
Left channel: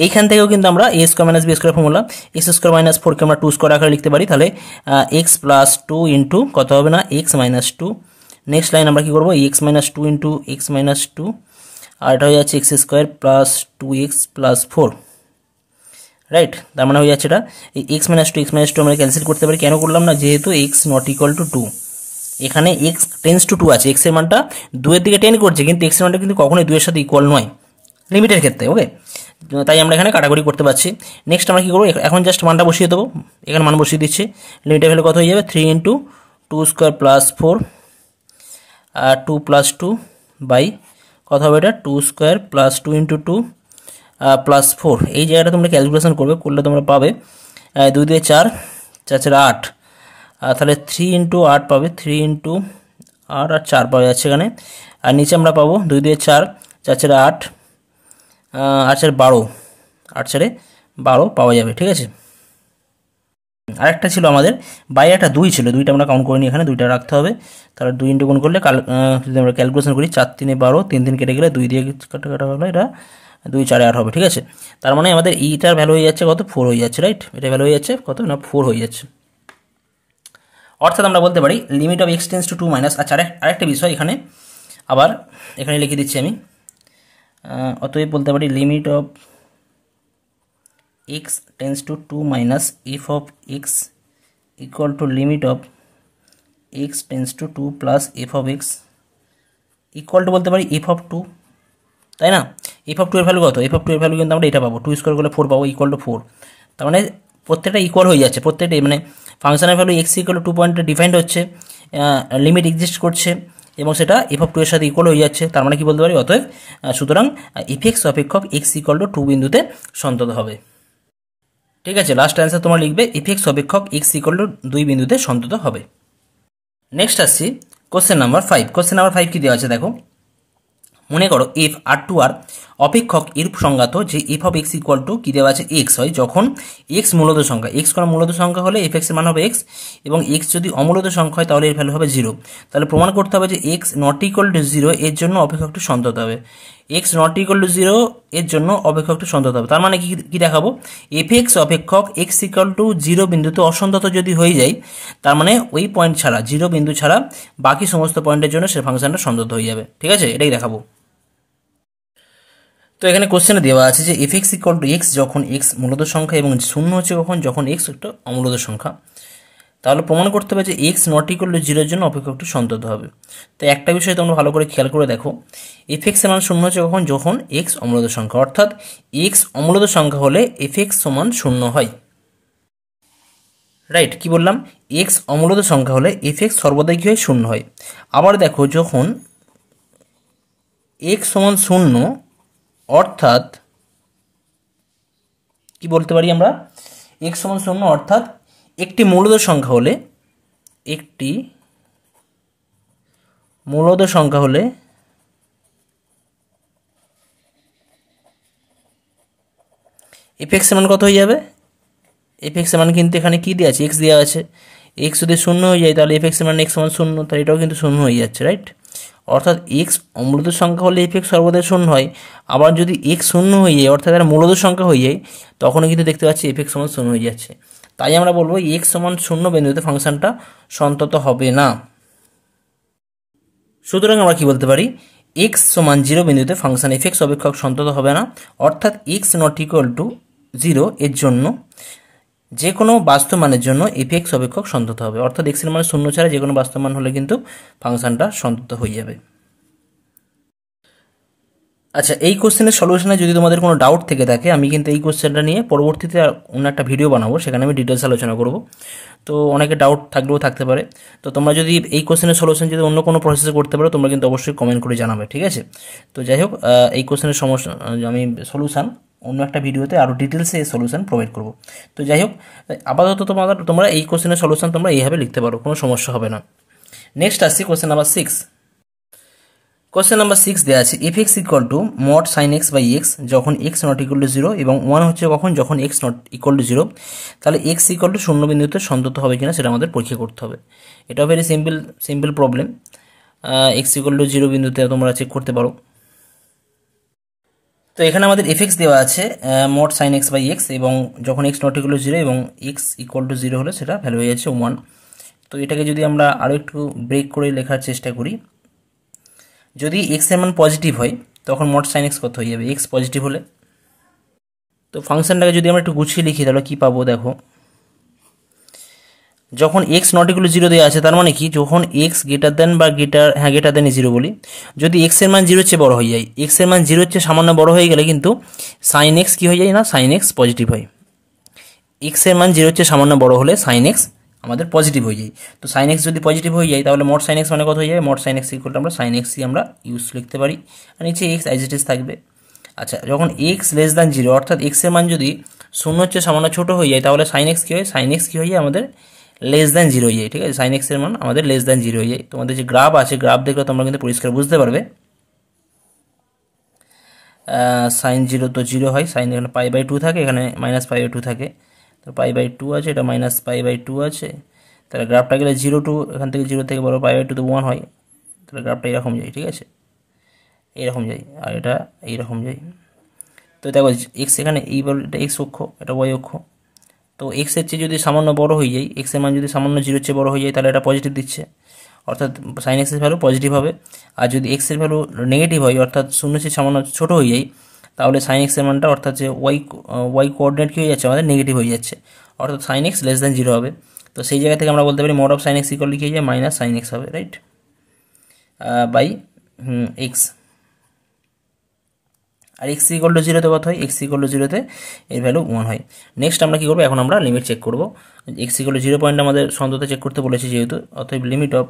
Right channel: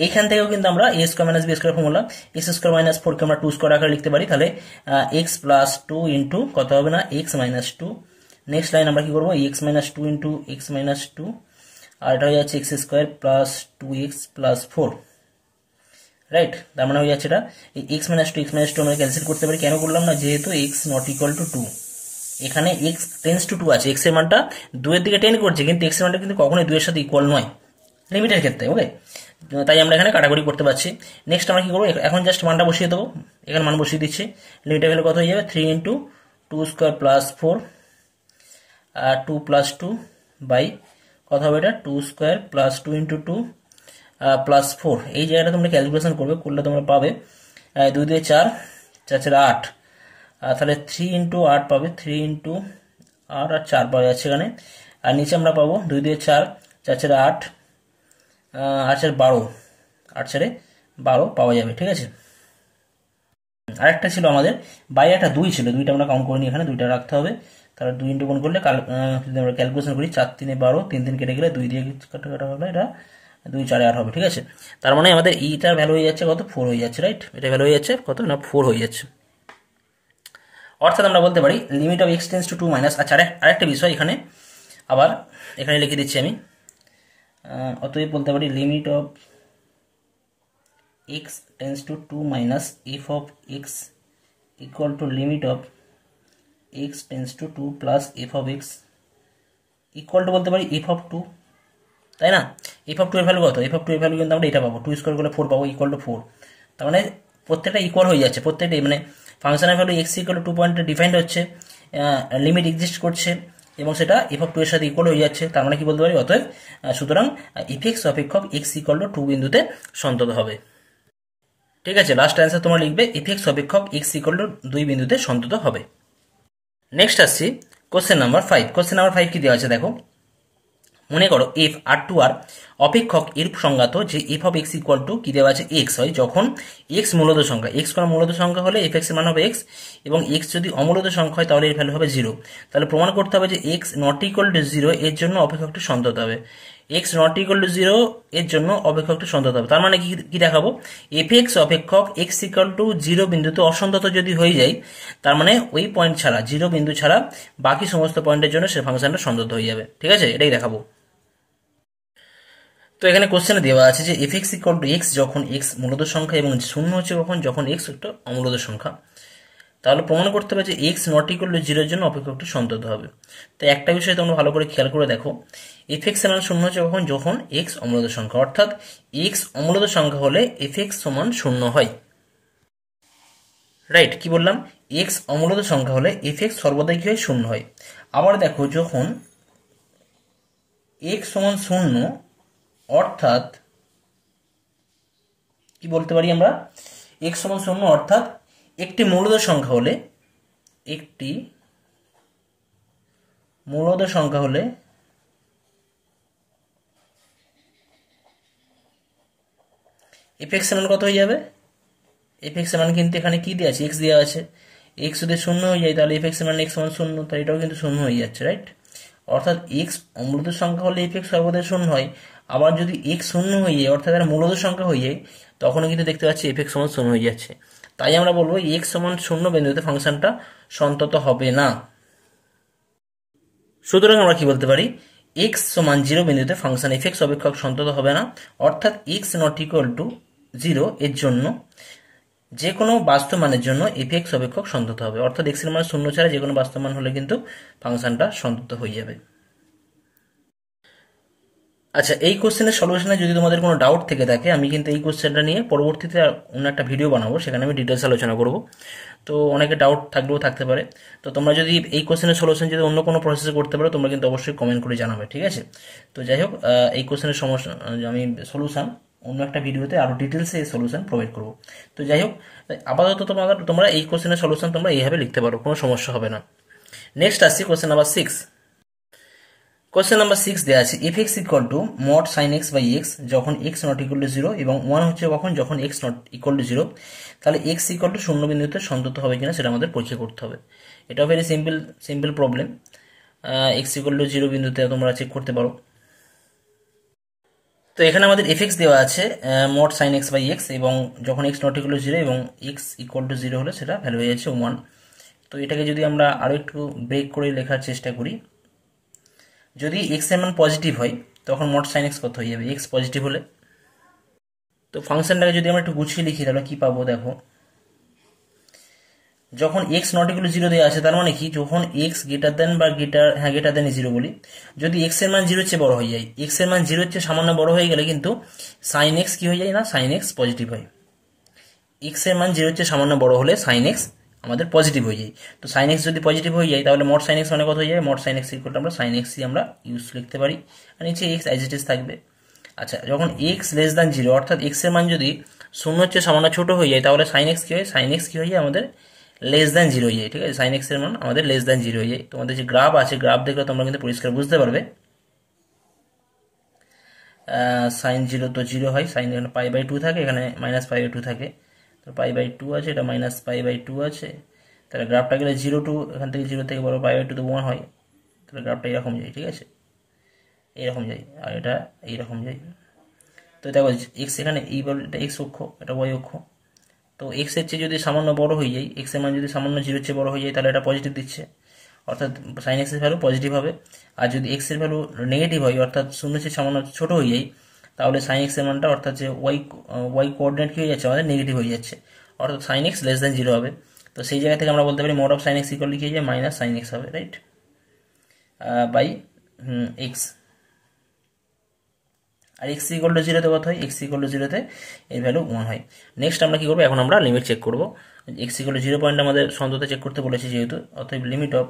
এইখান থেকেও কিন্তু আমরা a square minus b square formula, x square minus 4 কে আমরা 2 স্কোয়ার আকারে লিখতে পারি, তাহলে এক্স প্লাস 2 ইন্টু কত হবে না এক্স মাইনাস 2, নেক্সট লাইন আমরা কি করবো, x minus 2 into x minus 2, আর এটা হয়ে যাচ্ছে x square plus 2x plus 4, right. তার মানে হয়ে যাচ্ছে এটা এই এক্স মাইনাস 2 আমরা ক্যান্সেল করতে পারি, কেন করলাম না, যেহেতু এক্স নট ইকুয়াল টু 2, এখানে এক্স টেন্স টু 2 আছে, এক্স এর মানটা 2 এর দিকে টেন করছে, কিন্তু এক্স এর মানটা কিন্তু কখনোই 2 এর সাথে ইকুয়াল নয় লিমিটের ক্ষেত্রে, ওকে। তাই আমরা এখানে কাটাকুটি করতে পারছি। নেক্সট আমরা কি করবো, এখন জাস্ট মানটা বসিয়ে দেবো, এখানে মান বসিয়ে দিচ্ছি, লিমিটের ভ্যালু কত হয়ে যাবে 3 into 2 square plus 4 2 plus 2 by কত হবে এটা 2 স্কোয়ার প্লাস 2 ইন্টু 2 প্লাস 4, এই জায়গাটা তোমরা ক্যালকুলেশন করলে তোমরা পাবে 2 দিয়ে 4 4 8, তাহলে 3 ইন্টু 8 পাবে, 3 ইন্টু 8 আর 4 পাওয়া যাচ্ছে এখানে, আর নিচে আমরা পাবো 2 দিয়ে 4 4 8 8 12, 8 12 পাওয়া যাবে, ঠিক আছে। আরেকটা ছিল আমাদের বাই একটা 2 ছিল, 2টা আমরা কাউন্ট করিনি, এখানে 2টা রাখতে হবে, তাহলে 2 ইন্টু গুণ করলে যদি আমরা ক্যালকুলেশন করি 4 3 12, 3 3 কেটে গেলে 2 দিয়ে কাটা হলো, এটা 2 4 8 হবে, ঠিক আছে। তার মানে আমাদের ইটার ভ্যালু হয়ে যাচ্ছে কত 4 হয়ে যাচ্ছে, রাইট। এটা ভ্যালু হয়ে যাচ্ছে কত না 4 হয়ে যাচ্ছে, অর্থাৎ আমরা বলতে পারি limit of x tends to 2 minus, আচ্ছা আরেকটা বিষয় এখানে আবার এখানে লিখে দিচ্ছি আমি, অতএব বলতে পারি limit of x tends to 2 minus f of x equal to limit of x tends to 2 plus f of x equal to বলতে পারি f of 2, তাই না। f of 2 এর ভ্যালু কত, f of 2 এর ভ্যালু কিন্তু আমরা এটা পাবো, 2 স্কোয়ার করলে 4 পাবো, ইকুয়াল টু 4, তার মানে প্রত্যেকটা ইকুয়াল হয়ে যাচ্ছে, প্রত্যেকটাই মানে ফাংশনের ভ্যালু x ইকুয়াল টু 2 পয়েন্টে ডিফাইন্ড হচ্ছে, লিমিট এক্সিস্ট করছে এবং সেটা f of 2 এর সাথে ইকুয়াল হয়ে যাচ্ছে, তার মানে কি বলতে পারি, অতএব সুতরাং f x অপেক্ষক x ইকুয়াল টু 2 বিন্দুতে সন্তত হবে, ঠিক আছে। লাস্ট অ্যান্সার তোমরা লিখবে এফ এক্স অপেক্ষক এক্স ইকুয়াল টু 2 বিন্দুতে সন্তত হবে। নেক্সট আসছি কোশ্চেন নাম্বার 5। কোশ্চেন নাম্বার 5 কি দেওয়া আছে দেখো, মনে করো এফ আর টু আর অপেক্ষক এরূপ সংজ্ঞাত যে F of x equal two কি দেওয়া আছে এক্স হয়, যখন এক্স মূলত সংখ্যা, এক্স কোনো মূলত সংখ্যা হলে এফ এক্স এর মান হবে এক্স, এবং এক্স যদি অমূলত সংখ্যা হয় তাহলে এর ভ্যালু হবে 0। তাহলে প্রমাণ করতে হবে যে এক্স নট ইকুয়াল টু 0 এর জন্য অপেক্ষকটি সন্তত হবে, এক্স নট ইকুয়াল টু 0 এর জন্য অপেক্ষকটি সন্তত হবে। তার মানে কি দেখাবো, এফ এক্স অপেক্ষক এক্স ইকুয়াল টু 0 বিন্দুতে অসন্তত যদি হয়ে যায়, তার মানে ওই পয়েন্ট ছাড়া 0 বিন্দু ছাড়া বাকি সমস্ত পয়েন্টের জন্য সে ফাংশনটা সন্তত হয়ে যাবে, ঠিক আছে, এটাই দেখাবো। তো এখানে কোশ্চেনে দেওয়া আছে যে f x equal two x যখন এক্স মূলত সংখ্যা এবং শূন্য হচ্ছে কখন, যখন এক্স একটা অমূলত সংখ্যা। তাহলে প্রমাণ করতে হবে যে এক্স নট ইকুয়াল টু জিরোর জন্য অপেক্ষকটি সন্তত হবে। তো একটা বিষয় তোমরা ভালো করে খেয়াল করে দেখো, এফ এক্স এর মান শূন্য হচ্ছে কখন, যখন এক্স অমূলত সংখ্যা, অর্থাৎ এক্স অমূলত সংখ্যা হলে এফ এক্স সমান শূন্য হয়। রাইট, কি বললাম, এক্স অমূলত সংখ্যা হলে এফ এক্স সর্বদাই কি হয়, শূন্য হয়। আবার দেখো, যখন এক্স সমান শূন্য, অর্থাৎ কি বলতে পারি আমরা, এক্স সমান শূন্য অর্থাৎ একটি মূলদ সংখ্যা হলে, একটি মূলদ সংখ্যা হলে এফ এক্স এর মান কত হয়ে যাবে, এফ এক্স এর মান কিন্তু এখানে কি দেওয়া আছে, এক্স দেওয়া আছে। এক্স যদি শূন্য হয়ে যায় তাহলে এফ এক্স এর মান এক্স সমান শূন্য, তাহলে এটাও কিন্তু শূন্য হয়ে যাচ্ছে। রাইট, অর্থাৎ এক্স অমূলত সংখ্যা হলে এফ এক্স সর্বদা শূন্য হয়। আবার যদি এক্স শূন্য হয়ে যায়, অর্থাৎ এর মূলদ সংখ্যা হয়ে যায়, তখনও কিন্তু দেখতে পাচ্ছি এফ এক্স সমান শূন্য হয়ে যাচ্ছে। তাই আমরা বলবো এক্স সমান শূন্য বিন্দুতে ফাংশনটা সন্তত হবে না। সুতরাং আমরা কি বলতে পারি, এক্স সমান জিরো বিন্দুতে ফাংশন এফ এক্স অপেক্ষক সন্তত হবে না, অর্থাৎ x not equal to zero এর জন্য যে কোনো বাস্তব মানের জন্য এফ এক্স অপেক্ষক সন্তত হবে, অর্থাৎ এক্স এর মান শূন্য ছাড়া যে কোনো বাস্তব মান হলে কিন্তু ফাংশনটা সন্তত হয়ে যাবে। আচ্ছা, এই কোশ্চেনের সলিউশনে যদি তোমাদের কোনো ডাউট থেকে থাকে, আমি কিন্তু এই কোশ্চেনটা নিয়ে পরবর্তীতে অন্য একটা ভিডিও বানাবো, সেখানে আমি ডিটেলস আলোচনা করব। তো অনেকে ডাউট থাকলেও থাকতে পারে। তো তোমরা যদি এই কোশ্চেনের সলিউশন যদি অন্য কোনো প্রসেসে করতে পারো, তোমরা কিন্তু অবশ্যই কমেন্ট করে জানাবে, ঠিক আছে। তো যাই হোক, এই কোশ্চেনের সমস্যা আমি সলিউশন অন্য একটা ভিডিওতে আরও ডিটেলসে এই সলিউশন প্রোভাইড করব। তো যাই হোক, আপাতত তোমরা এই কোশ্চেনের সলিউশন তোমরা এইভাবে লিখতে পারো, কোনো সমস্যা হবে না। নেক্সট আসছি কোশ্চেন নাম্বার 6। কোশ্চেন নাম্বার 6 দেওয়া আছে f x equal to mod sine x by x যখন x not equal to zero এবং 1 হচ্ছে কখন, যখন x not equal to zero. তাহলে এক্স ইকুয়াল টু শূন্য বিন্দুতে সন্তত হবে কিনা সেটা আমাদের পরীক্ষা করতে হবে। এটাও very simple problem. X equal to zero বিন্দুতে তোমরা চেক করতে পারো। তো এখানে আমাদের এফ এক্স দেওয়া আছে mod sine x by x, এবং যখন x not equal to zero এবং এক্স ইকুয়াল টু জিরো হলে সেটা ভ্যালু হয়ে যাচ্ছে 1। তো এটাকে যদি আমরা আরও একটু ব্রেক করে লেখার চেষ্টা করি, যদি এক্স এর মান পজিটিভ হয় তখন মড সাইন এক্স কত হয়ে যাবে, এক্স পজিটিভ হলে। তো ফাংশনটাকে যদি আমরা একটু গুছিয়ে লিখি তাহলে কি পাবো, দেখো, যখন x not equal to zero দেওয়া আছে, তার মানে কি, যখন এক্স গ্রেটার দেন বা গ্রেটার দেন জিরো বলি, যদি এক্স এর মান জিরোর চেয়ে বড় হয়ে যায়, এক্স এর মান জিরোর চেয়ে সামান্য বড় হয়ে গেলে কিন্তু সাইন এক্স কি হয়ে যায় না, সাইন এক্স পজিটিভ হয়। এক্স এর মান জিরোর চেয়ে সামান্য বড় হলে সাইন এক্স আমাদের পজিটিভ হয়ে যায়। তো সাইন এক্স যদি পজিটিভ হয়ে যায় তাহলে মড সাইন এক্স মানে কত হয়ে যায়, mod sine x equal to আমরা সাইন এক্সই আমরা ইউজ লিখতে পারি, আর নিচে এক্স অ্যাজ ইট ইজ থাকবে। আচ্ছা, যখন এক্স লেস দ্যান জিরো, অর্থাৎ এক্স এর মান যদি শূন্য হচ্ছে সামান্য ছোট হয়ে যায়, তাহলে সাইন এক্স কী হয়, সাইন এক্স কী হয়ে যায় আমাদের লেস দ্যান জিরো হয়ে যায়, ঠিক আছে। সাইন এক্স এর মান আমাদের লেস দ্যান জিরো হয়ে যায়। তোমাদের যে গ্রাফ আছে, গ্রাফ দেখলে তোমরা কিন্তু পরিষ্কার বুঝতে পারবে। সাইন জিরো তো জিরো হয়, সাইন এখানে পাই বাই টু থাকে, এখানে মাইনাস পাই বাই টু থাকে, তো পাই বাই টু আছে, এটা মাইনাস পাই বাই টু আছে। তাহলে গ্রাফটা গেলে জিরো টু, এখান থেকে জিরো থেকে বড় পাই বাই টু তো 1 হয়, তাহলে গ্রাফটা এরকম যায়, ঠিক আছে, এইরকম যায়, আর এটা এইরকম যায়। তো দেখো এক্স এখানে এই বল, এটা এক্স অক্ষ, এটা ওয়াই অক্ষ। তো এক্স এর চেয়ে যদি সামান্য বড় হয়ে যায়, এক্স এর মান যদি সামান্য জিরোর চেয়ে বড় হয়ে যায়, তাহলে এটা পজিটিভ দিচ্ছে, অর্থাৎ সাইন এক্সের ভ্যালু পজিটিভ হবে। আর যদি এক্স এর ভ্যালু নেগেটিভ হয়, অর্থাৎ শূন্য চেয়ে সামান্য ছোট হয়ে যায়, তাহলে সাইন এক্সের মানটা, অর্থাৎ যে ওয়াই কোঅর্ডিনেট কি হয়ে যাচ্ছে আমাদের, নেগেটিভ হয়ে যাচ্ছে, অর্থাৎ sine x less than zero হবে। তো সেই জায়গা থেকে আমরা বলতে পারি mod of sine x equal কি হয়ে যায়, মাইনাস সাইন এক্স হবে, রাইট, বাই এক্স। আর এক্স ইকুয়াল টু জিরোতে কত হয়, এক্স ইকুয়াল টু জিরোতে এর ভ্যালু 1 হয়। নেক্সট আমরা কি করবো, এখন আমরা লিমিট চেক করবো। X equal to zero point আমাদের সন্ততা চেক করতে বলেছি যেহেতু, অতএব limit of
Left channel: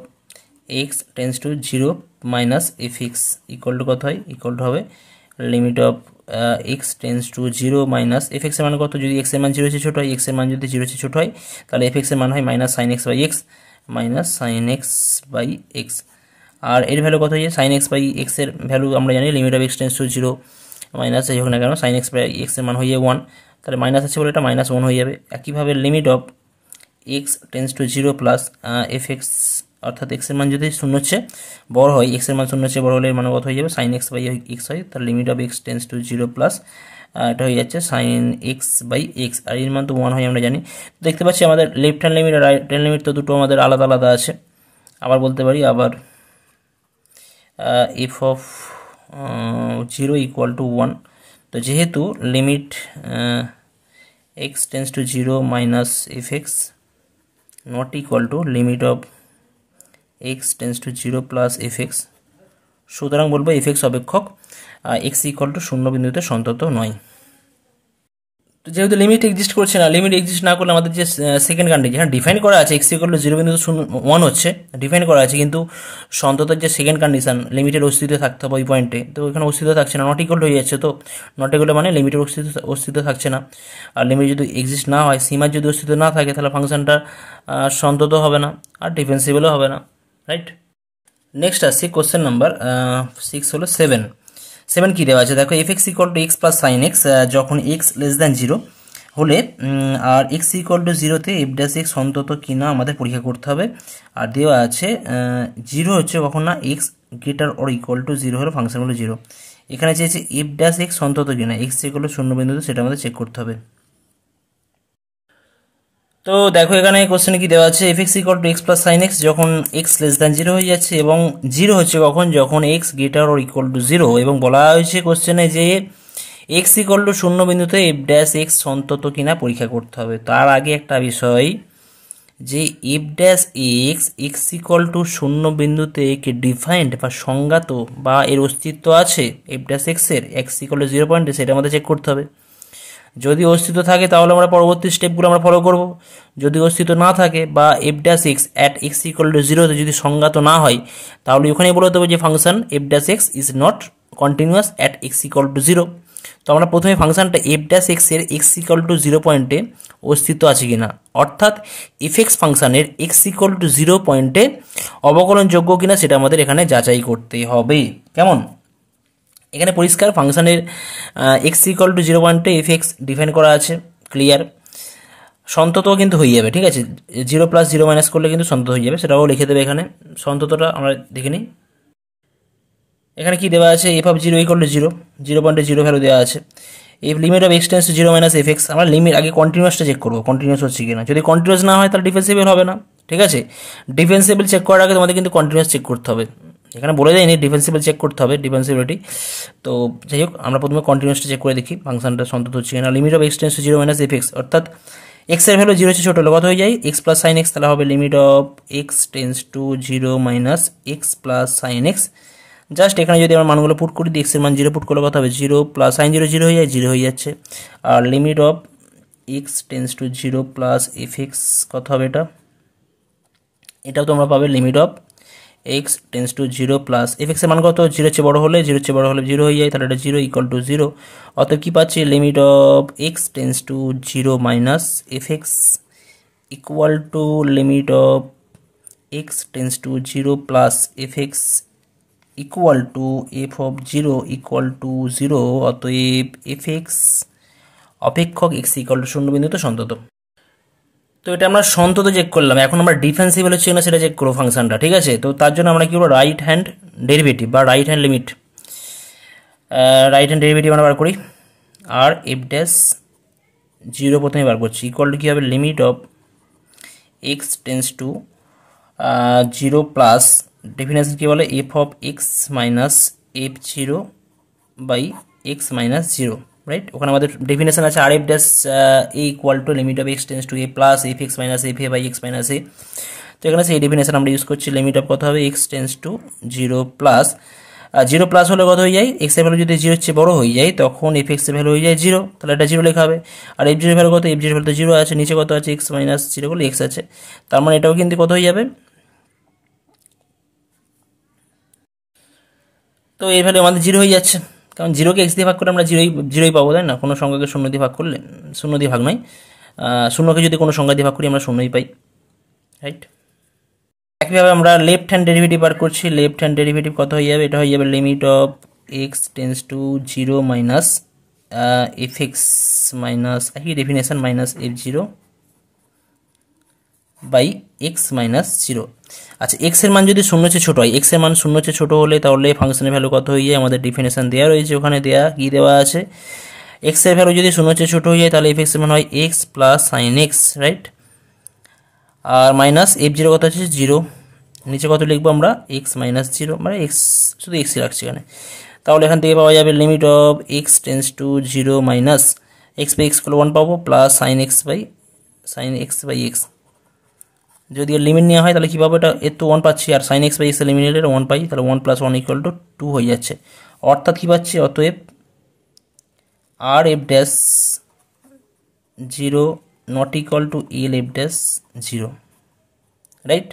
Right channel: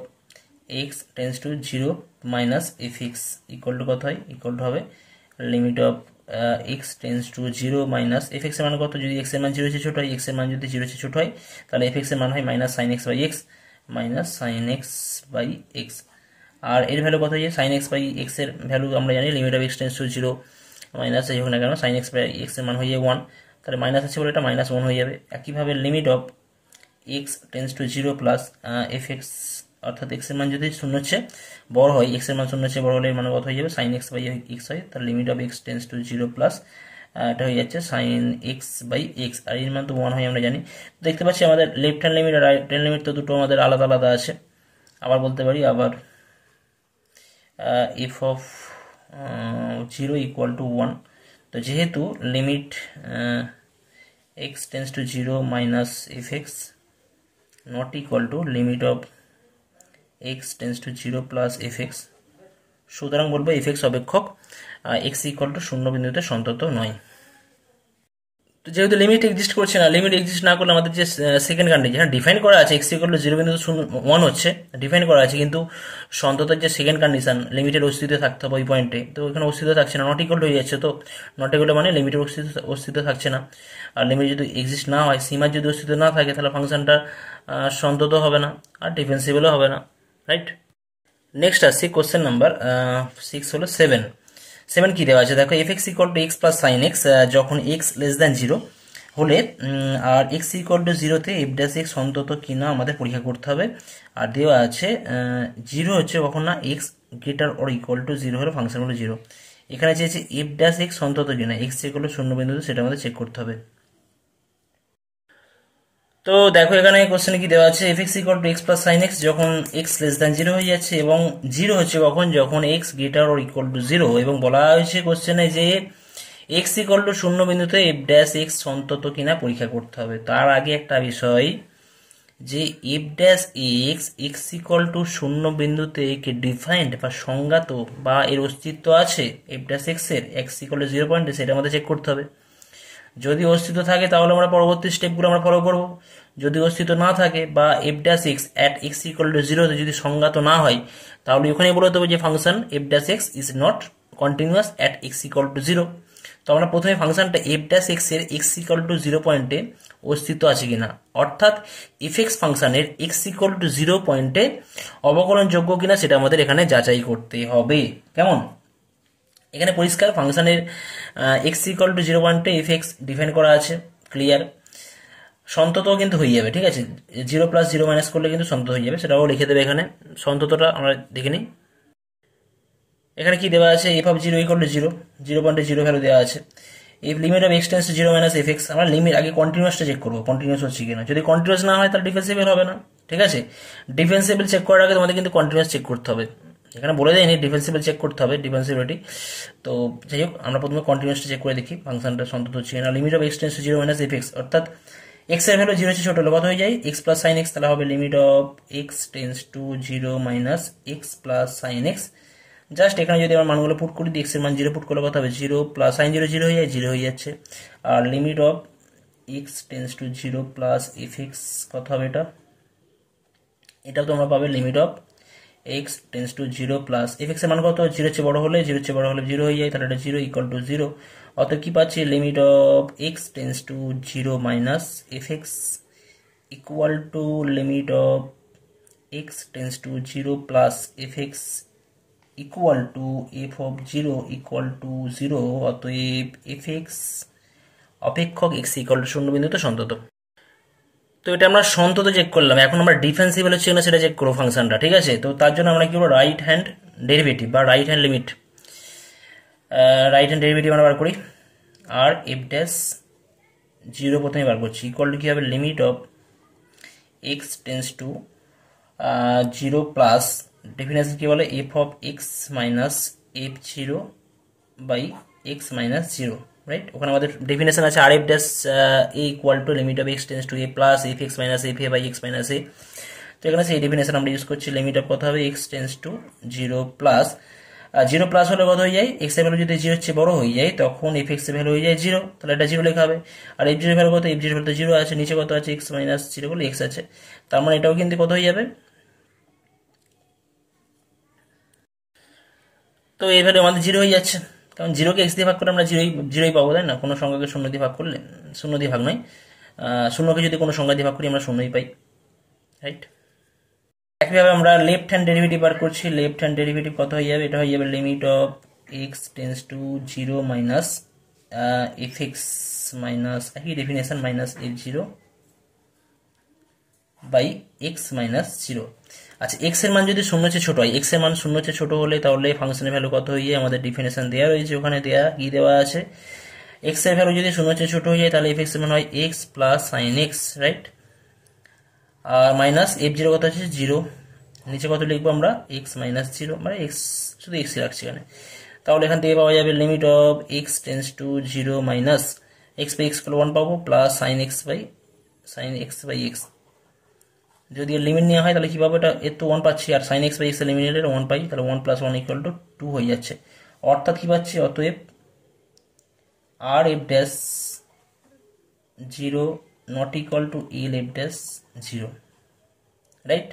x tends to zero minus f x equal two কত হয়, ইকুয়াল টু হবে limit of x tends to zero minus f x এর মান কত, যদি এক্স এর মান জিরো চেয়ে ছোট হয়, এক্স এর মান যদি জিরো চেয়ে ছোট হয়, তাহলে এফ এক্স এর মান হয় minus sine x by x, minus sine x by x. আর এর ভ্যালু কত হয়ে, সাইন এক্স বাই এক্স এর ভ্যালু আমরা জানি limit of x tends to zero minus এই হোক না কেন, সাইন এক্স বাই এক্স এর মান হয়ে যাবে 1, তাহলে মাইনাস আছে বলে এটা মাইনাস 1 হয়ে যাবে। একইভাবে limit of x tends to zero plus f x, অর্থাৎ এক্স এর মান যদি শূন্য হচ্ছে বড় হয়, এক্স এর মান শূন্য হচ্ছে বড় হলে এর মান কত হয়ে যাবে, সাইন এক্স বাই এক্স হয়, তার limit of x tends to zero plus এটা হয়ে যাচ্ছে সাইন এক্স বাই এক্স, আর এর মান তো 1 হয় আমরা জানি। দেখতে পাচ্ছি আমাদের লেফট হ্যান্ড লিমিট আর রাইট হ্যান্ড লিমিট তো দুটো আমাদের আলাদা আলাদা আছে। আবার বলতে পারি, আবার F of zero equal to 1, তো যেহেতু limit x tends to zero minus f x not equal to limit of x tends to zero plus f x, সুতরাং বলবো এফ এক্স অপেক্ষক এক্স ইকুয়াল টু শূন্য বিন্দুতে সন্তত নয়। তো যেহেতু লিমিট এক্সিস্ট করছে না, লিমিট এক্সিস্ট না করলে আমাদের যে সেকেন্ড কন্ডিশন, হ্যাঁ ডিফাইন করা আছে এক্স ইকুয়াল টু জিরো বিন্দুতে 1 হচ্ছে, ডিফাইন করা আছে, কিন্তু সন্ততের যে সেকেন্ড কন্ডিশন লিমিটের অস্তিত্ব থাকতে হবে ওই পয়েন্টে, তো এখানে অস্তিত্ব থাকছে না, নট ইকুয়াল হয়ে যাচ্ছে। তো নট ইকুয়াল মানে লিমিটের অস্তিত্ব থাকছে না, আর লিমিট যদি এক্সিস্ট না হয়, সীমার যদি অস্তিত্ব না থাকে, তাহলে ফাংশনটা সন্তত হবে না আর ডিফেন্সিবলও হবে না, রাইট। নেক্সট আসছে কোশ্চেন নাম্বার 6 হলো 7 কি দেওয়া আছে দেখো, F x equal two x plus sine x যখন এক্স লেস দ্যান জিরো হলে আর এক্স ইকুয়াল টু জিরোতে এফ ড্যাশ এক্স অন্তত কিনা আমাদের পরীক্ষা করতে হবে। আর দেওয়া আছে জিরো হচ্ছে কখন না x greater or equal to zero হলে ফাংশন হলো জিরো। এখানে চেয়েছে এফ ড্যাশ এক্স অন্তত কিনা এক্স ইকুয়াল টু শূন্য বিন্দুতে, সেটা আমাদের চেক করতে হবে। তো দেখো এখানে কোশ্চেনে কি দেওয়া আছে, f x equal two x plus sine x যখন এক্স লেস দ্যান জিরো হয়ে যাচ্ছে, এবং জিরো হচ্ছে কখন, যখন x greater or equal to zero, এবং বলা হয়েছে কোশ্চেনে যে এক্স ইকুয়াল টু শূন্য বিন্দুতে এফ ড্যাশ এক্স অন্তত কিনা পরীক্ষা করতে হবে। তার আগে একটা বিষয় যে F dash x x equal to শূন্য বিন্দুতে কে ডিফাইন্ড বা সংজ্ঞাত বা এর অস্তিত্ব আছে এফ ড্যাশ এক্স এর এক্স ইকুয়াল টু 0 পয়েন্টে, সেটা আমাদের চেক করতে হবে। যদি অস্তিত্ব থাকে তাহলে আমরা পরবর্তী স্টেপগুলো আমরা ফলো করব, যদি অস্তিত্ব না থাকে বা F dash x at x equal to জিরোতে যদি সংজ্ঞাত না হয়, তাহলে ওখানে বলে দেবো যে function F dash x is not continuous at x equal to zero. তো আমরা প্রথমে ফাংশনটা এফ ড্যাশ এক্স এর এক্স ইকুয়াল টু 0 পয়েন্টে অস্তিত্ব আছে কিনা, অর্থাৎ এফ এক্স ফাংশনের এক্স ইকুয়াল টু 0 পয়েন্টে অবকলনযোগ্য কিনা সেটা আমাদের এখানে যাচাই করতে হবে। কেমন, এখানে পরিষ্কার ফাংশনের এক্স ইকুয়াল টু 0 পয়েন্টে এফ এক্স ডিফাইন করা আছে, ক্লিয়ার, সন্ততও কিন্তু হয়ে যাবে, ঠিক আছে, 0 প্লাস 0 মাইনাস করলে কিন্তু সন্তত হয়ে যাবে, সেটাও লিখে দেবে এখানে। সন্ততটা আমরা দেখে নিই, এখানে কি দেওয়া আছে, এফ অফ 0 ইকুয়াল টু 0 পয়েন্টে 0 ভ্যালু দেওয়া আছে। F limit of x tends to 0 minus f x, আমরা লিমিট আগে কন্টিনিউয়াসটা চেক করবো, কন্টিনিউয়াস হচ্ছে কিনা, যদি কন্টিনিউয়াস না হয় তাহলে ডিফেন্সিবল হবে না, ঠিক আছে। ডিফেন্সিবল চেক করার আগে তোমাদের কিন্তু কন্টিনিউয়াস চেক করতে হবে, এখানে বলে দেয়নি ডিফেন্সিবল চেক করতে হবে, ডিফেন্সিবিলিটি। তো যাই হোক আমরা প্রথমে কন্টিনিউয়াসটা চেক করে দেখি ফাংশনটা সন্তত হচ্ছে কিনা। Limit of x tends to 0 minus f x, অর্থাৎ এক্স এর ভ্যালু 0 হচ্ছে ছোট হলে কত হয়ে যায় এক্স প্লাস সাইন এক্স, তাহলে হবে limit of x tends to 0 minus x plus sine x. Just এখানে যদি আমরা মানগুলো পুট করি, এক্স এর মান 0 পুট করলে কত হবে 0 প্লাস সাইন 0 0 হয়ে যায় 0 হয়ে যাচ্ছে, আর limit of x tends to 0 plus f x কত হবে, এটাও তোমরা পাবে limit of x tends to 0 plus f x এর মান কত, 0 চেয়ে বড় হলে 0 হয়ে যায়, তাহলে এটা 0 ইকুয়াল টু 0। অতএব কি পাচ্ছি, limit of x tends to 0 minus f x equal to limit of x tends to 0 plus f x equal two F of 0 equal to 0। অতএব এফ এক্স অপেক্ষক এক্স ইকুয়াল টু শূন্য বিন্দুতে সন্তত। তো এটা আমরা সন্তত চেক করলাম, এখন আমরা ডিফেন্সিবল হচ্ছে না সেটা চেক করবো ফাংশনটা, ঠিক আছে। তো তার জন্য আমরা কি করবো, রাইট হ্যান্ড ডেরিভেটিভ বা right hand limit, right hand derivative আমরা বার করি। আর এফ ড্যাশ 0 প্রথমে বার করছি, ইকুয়াল টু কী হবে, limit of x tends to 0 plus definition কী বলে, f of x minus f 0 by x minus 0, right. ওখানে আমাদের ডেফিনেশন আছে আর f dash a equal to limit of x tends to a plus f x minus f a by x minus a. তো এখানে সেই definition আমরা use করছি, limit of কত হবে x tends to 0 plus 0 plus হলে কত হয়ে যায়, এক্স এর ভ্যালু যদি 0 হচ্ছে বড় হয়ে যায় তখন এফ এক্স এর ভ্যালু হয়ে যায় 0, তাহলে এটা 0 লেখা হবে। আর এফ 0 ভ্যালু কত, এফ 0 ভ্যালু তো 0 আছে, নিচে কত আছে এক্স মাইনাস 0 বলে এক্স আছে, তার মানে এটাও কিন্তু কত হয়ে যাবে। তো এই ভ্যালু আমাদের 0 হয়ে যাচ্ছে, কারণ 0কে এক্স দিয়ে ভাগ করে আমরা জিরোই পাবো, তাই না। কোনো সংখ্যাকে 0 দিয়ে ভাগ করলে, 0 দিয়ে ভাগ নয়, 0কে যদি কোনো সংখ্যা দিয়ে ভাগ করি আমরা 0ই পাই, রাইট। একইভাবে আমরা লেফট হ্যান্ড ডেরিভেটিভ বার করছি, লেফট হ্যান্ড ডেরিভেটিভ কত হয়ে যাবে, এটা হয়ে যাবে limit of x tends to 0 minus f x minus একই definition minus f 0 by x minus 0। আচ্ছা, এক্স এর মান যদি 0 চেয়ে ছোট হয়, এক্স এর মান 0 চেয়ে ছোট হলে তাহলে ফাংশনের ভ্যালু কত হয়ে যায়, আমাদের ডেফিনেশন দেওয়া রয়েছে, ওখানে কি দেওয়া আছে, এক্স এর ভ্যালু যদি 0 চেয়ে ছোট হয়ে যায় তাহলে এফ এক্স এর মান হয় x plus sine x, right. আর মাইনাস এফ 0 কত আছে 0, নিচে কত লিখবো আমরা এক্স মাইনাস 0, মানে এক্স শুধু এক্সই রাখছি এখানে, তাহলে এখান থেকে পাওয়া যাবে limit of x tends to 0 minus x by x 1 পাবো plus sine x by x. যদি এর লিমিট নেওয়া হয় তাহলে কী পাবো, এটা এর তো 1 পাচ্ছি, আর সাইন এক্স বাই এক্স এর লিমিট নিলে 1 পাই, তাহলে 1 + 1 = 2 হয়ে যাচ্ছে। অর্থাৎ কী পাচ্ছি, অতএব আর f dash 0 not equal to L f dash 0, right.